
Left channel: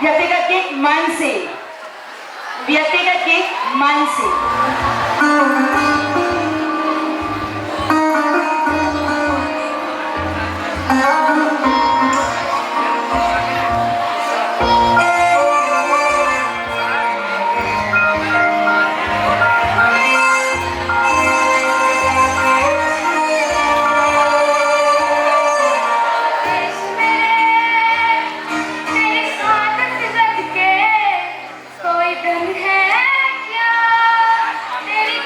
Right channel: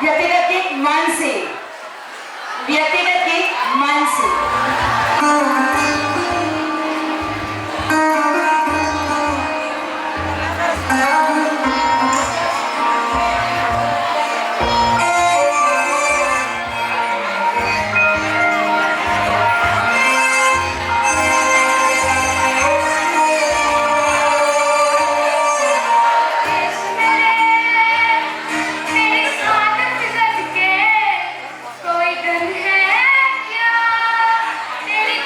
વ્યક્તિગત ગીત માનસી. વ્યક્તિગત ગીત માનસી. कोई डर है क्या तेरी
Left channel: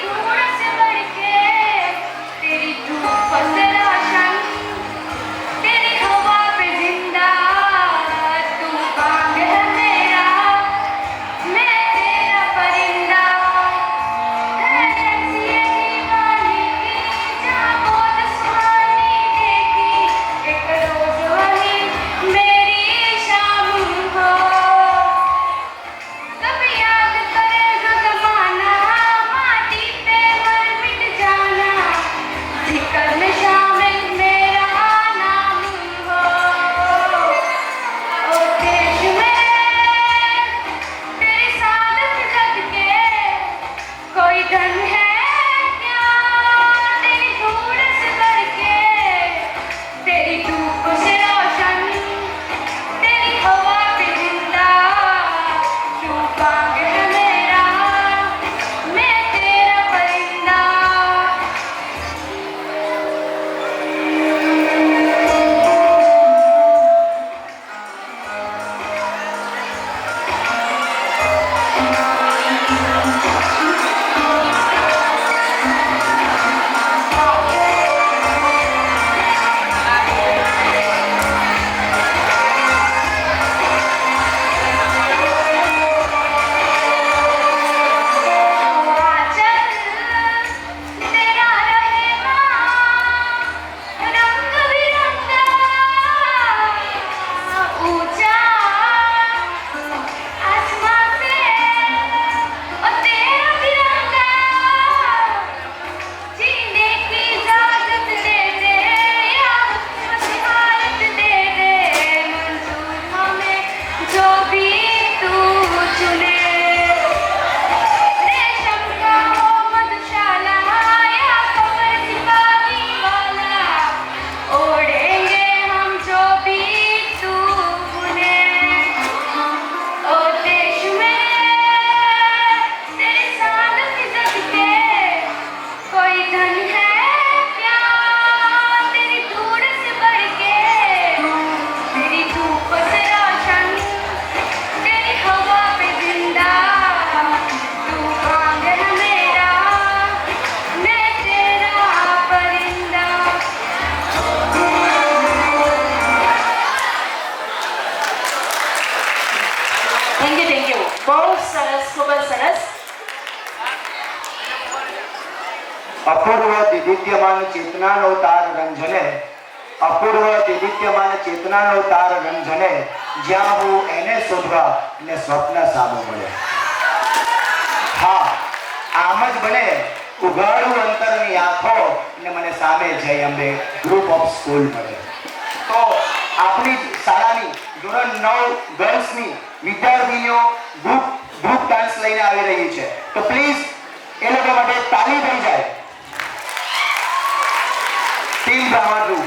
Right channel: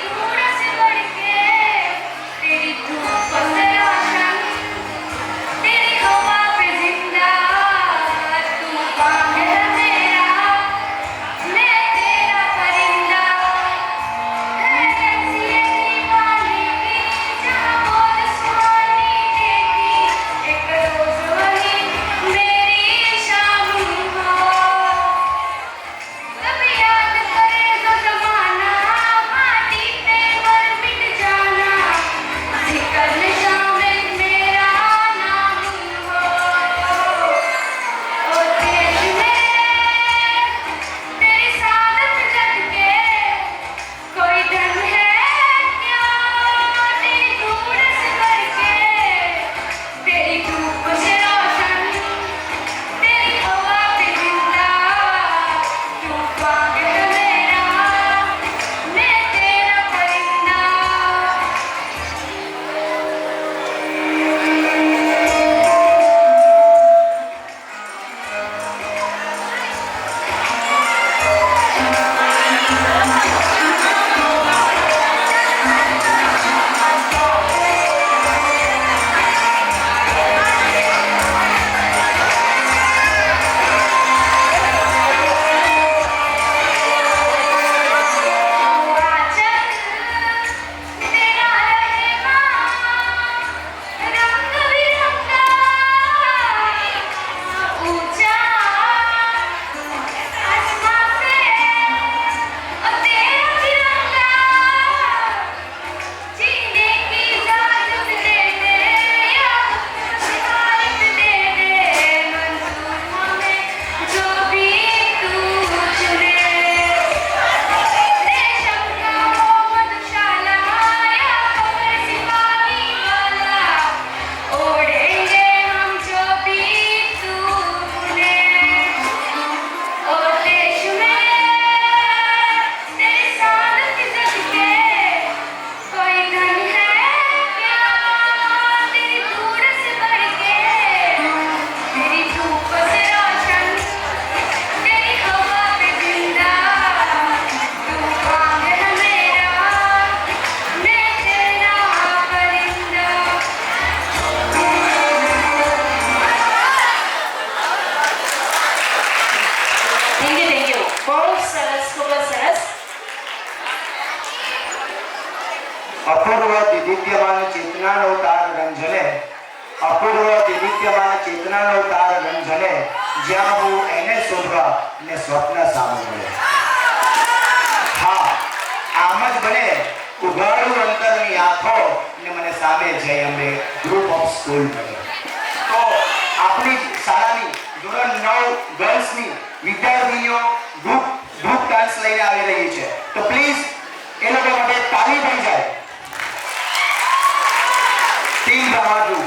ખૂબ જ સરસ. અપૂર્વ દિદિત્યમાન ચેતનાનો તાર રંજને, અપૂર્વ દિદિત્યમાન ચેતનાનો તાર રંજને, જ્યાં હું એને શોધવા ને સ્વપ્ન સામે મળે. હા, આમ જ બને ઉઘાડું અંતરની આંખો ને મને સામે જઈ અંબે ગ્રુપ ઓફ સ્કૂલ મળે. તો આપણી શાળાની ધોરણ 9 ગર્લ્સની વિદ્યાર્થીનીઓ ગ્રુપ ડાન્સ લઈને આવી રહી છે. તો પ્લીઝ એ લોકો માટે તાળી થઈ જાય. ટીમ બ્રહ્માડું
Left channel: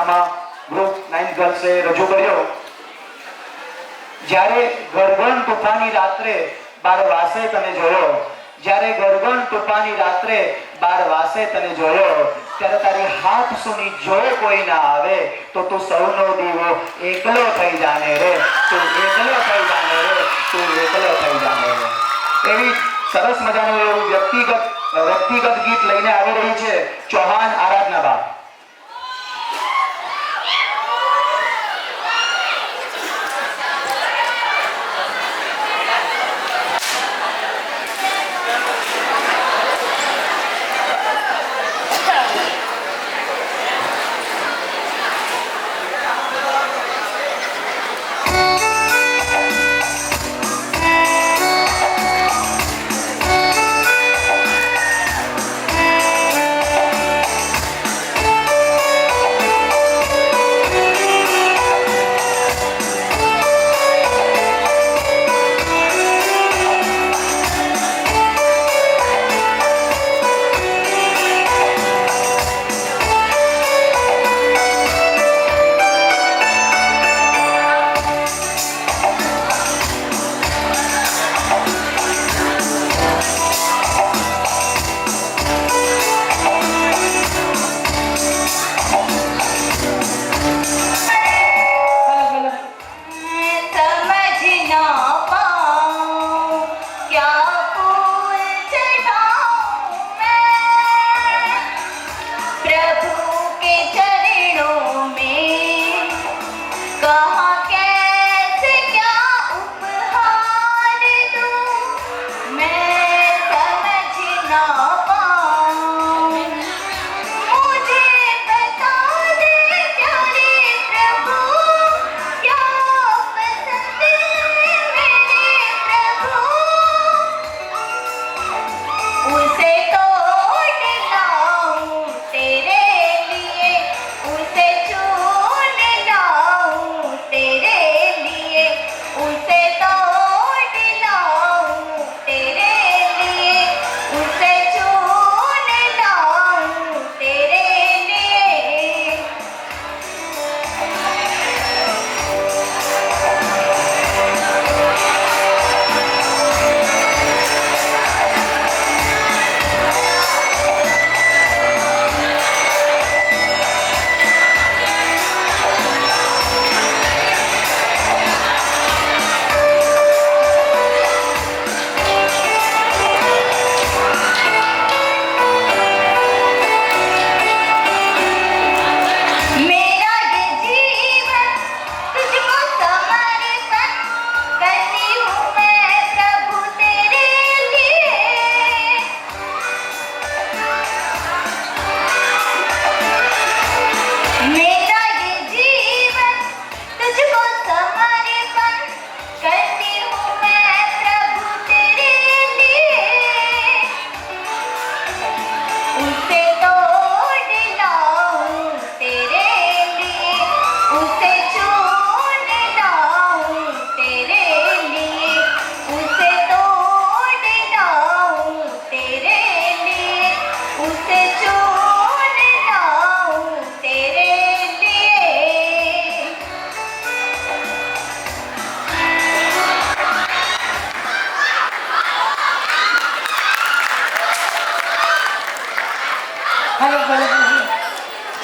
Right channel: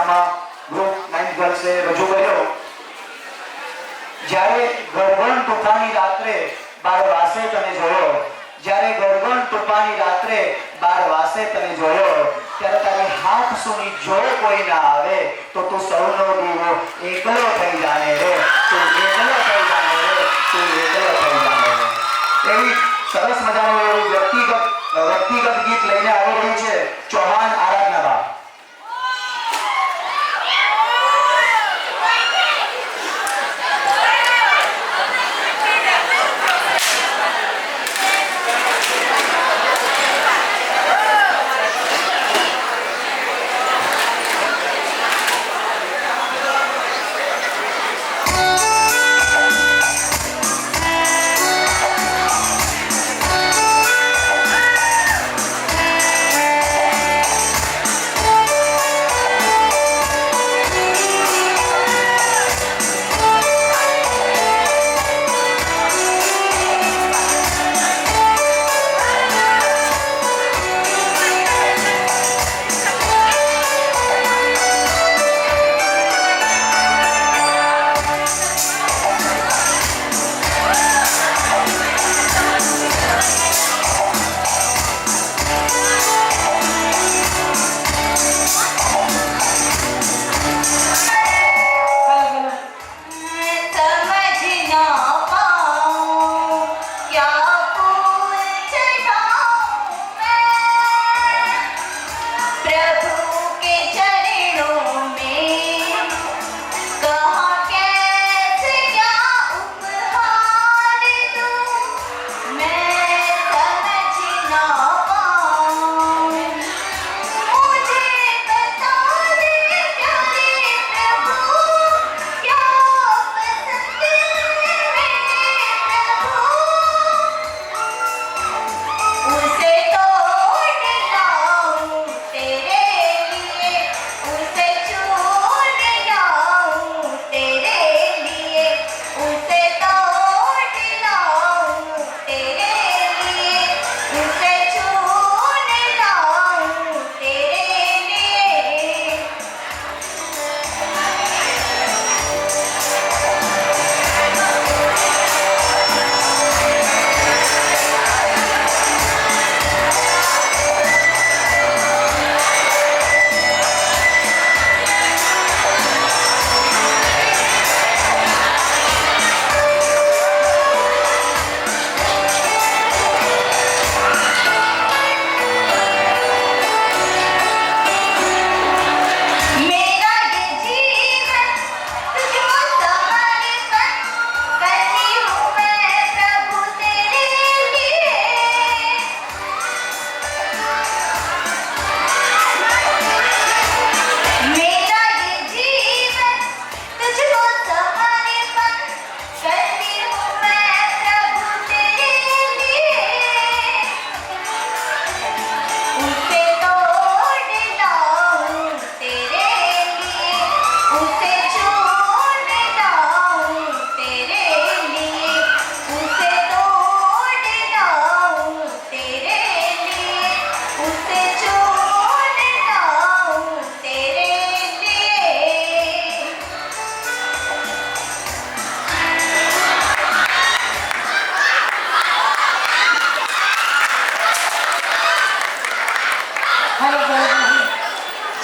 ડ્રામા ગ્રુપ 9 ગર્લ્સે રજૂ કર્યો. જ્યારે ગરગણ તોફાની રાત્રે 12 વાસે તને જોયો, જ્યારે ગરગણ તોફાની રાત્રે 12 વાસે તને જોયો, ત્યારે તારી હાથ સુની જો કોઈ ના આવે તો તું સૌનો દીવો એકલો થઈ જાને રે, તું એકલો થઈ જાને રે, તું એકલો થઈ જાને રે. એવી સરસ મજાનું એવું વ્યક્તિગત ગીત લઈને આવી રહી છે ચૌહાણ આરાધનાબા.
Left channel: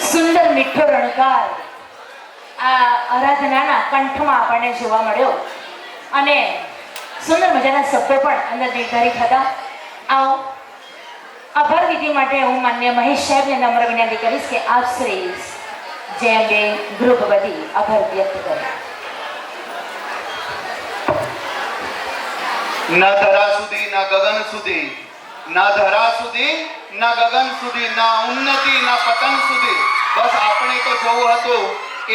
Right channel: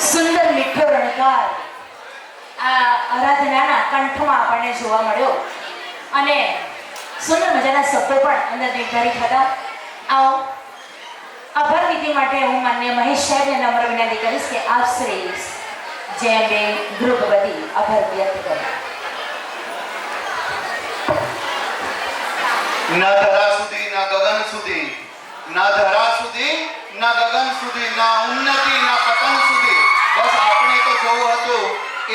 સુંદર મીઠો રણકાર આ આરાધનાના કંઠમાં આપણને જોવા મળ્યો અને સુંદર મજાના શબ્દો પણ અંદર નિર્ધારિત હતા. આવો આભાર વિધિ માટે હું માન્ય મહેશ સાહેબને નમ્ર વિનંતી કરીશ કે આપ શ્રી જયંબેન ગૃહ વતી આભાર વ્યક્ત કરે. ના ધરા સુધી ના ગગન સુધી, ના ધરા સુધી ના ગગન સુધી, ના ઉન્નતિ ના પતન સુધી, બસ આપણે તો જોવું હતું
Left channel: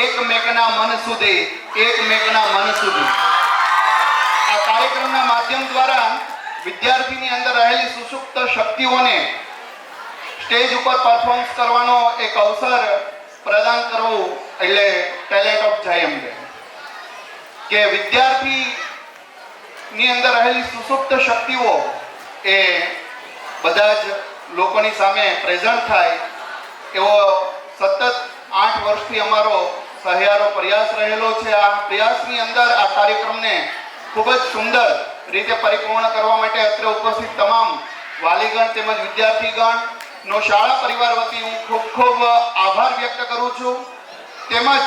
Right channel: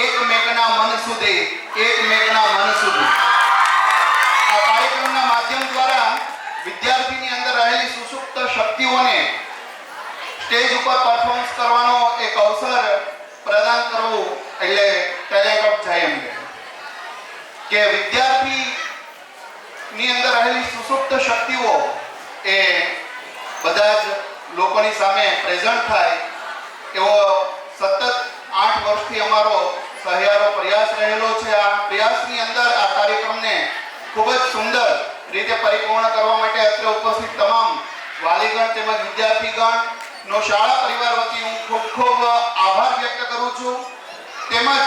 એકમેકના મન સુધી, એકમેકના મન સુધી. આ કાર્યક્રમના માધ્યમ દ્વારા વિદ્યાર્થીની અંદર રહેલી સુષુપ્ત શક્તિઓને સ્ટેજ ઉપર પરફોર્મન્સ કરવાનો એક અવસર પ્રદાન કરવું એટલે ટેલેન્ટ ઓફ જયંબેન. કે વિદ્યાર્થીની અંદર રહેલી સુષુપ્ત શક્તિઓ એ બધા જ લોકોની સામે પ્રેઝન્ટ થાય એવો સતત 8 વર્ષથી અમારો સહિયારો પ્રયાસ રહેલો છે. આ પ્રયાસની અંદર આ કાર્યક્રમને ખૂબ જ સુંદર રીતે પરિપૂર્ણ કરવા માટે અત્રે ઉપસ્થિત તમામ વાલીગણ તેમજ વિદ્યાર્થીગણનો શાળા પરિવાર વતી હું ખૂબ ખૂબ આભાર વ્યક્ત કરું છું. તેમજ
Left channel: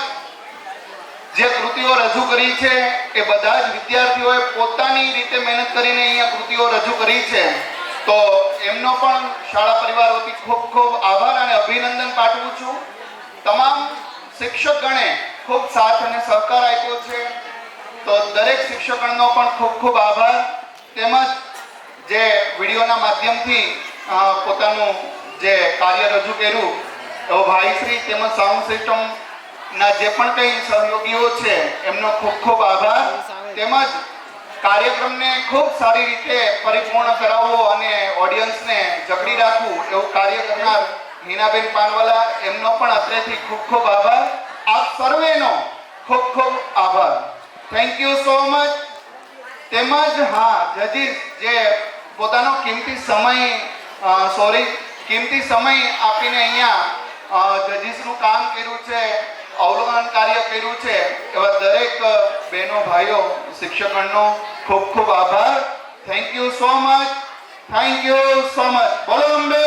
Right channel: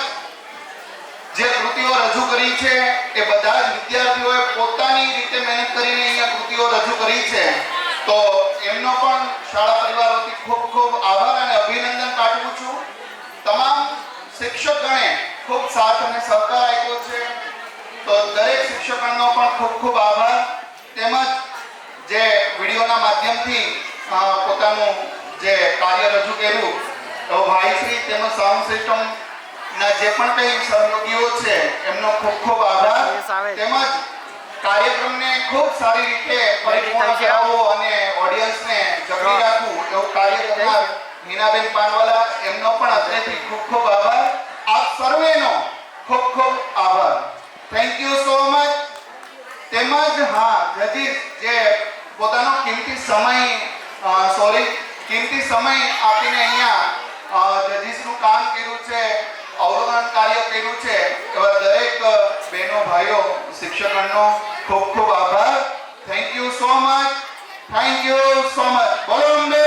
જે કૃતિઓ રજૂ કરી છે એ બધા જ વિદ્યાર્થીઓએ પોતાની રીતે મહેનત કરીને અહીંયા કૃતિઓ રજૂ કરી છે. તો એમનો પણ શાળા પરિવાર વતી ખૂબ ખૂબ આભાર અને અભિનંદન પાઠવું છું. તમામ શિક્ષકગણે ખૂબ સાથ અને સહકાર આપ્યો છે. તો દરેક શિક્ષકગણનો પણ ખૂબ ખૂબ આભાર. તેમજ જે વિડીયોના માધ્યમથી પોતાનું જે કાર્ય રજૂ કર્યું તો ભાઈશ્રી તેમજ સાઉન્ડ સિસ્ટમ ના જે પણ કંઈ સહયોગીઓ છે એમનો ખૂબ ખૂબ આભાર. તેમજ કાર્યક્રમને ખૂબ સારી રીતે પરિપૂર્ણ કરાવવો અને ઓડિયન્સને જકડી રાખવું એવું કાર્ય કરનાર નીનાબેન પાનવાલા એમનો પણ અત્રેથી ખૂબ ખૂબ આભાર. આપ સર્વેનો ખૂબ ખૂબ આભાર. Thank you so much. તેમજ હા જજીસ જે પોતાનો કિંમતી સમય આપીને અહીંયા જજીસનું કામ કર્યું છે, અવલોકન કાર્ય કર્યું છે એવા દરેક બહેનો ભાઈઓ શિક્ષકગણનો ખૂબ ખૂબ આભાર. Thank you so much. Thank you so much. બોલો અંબે.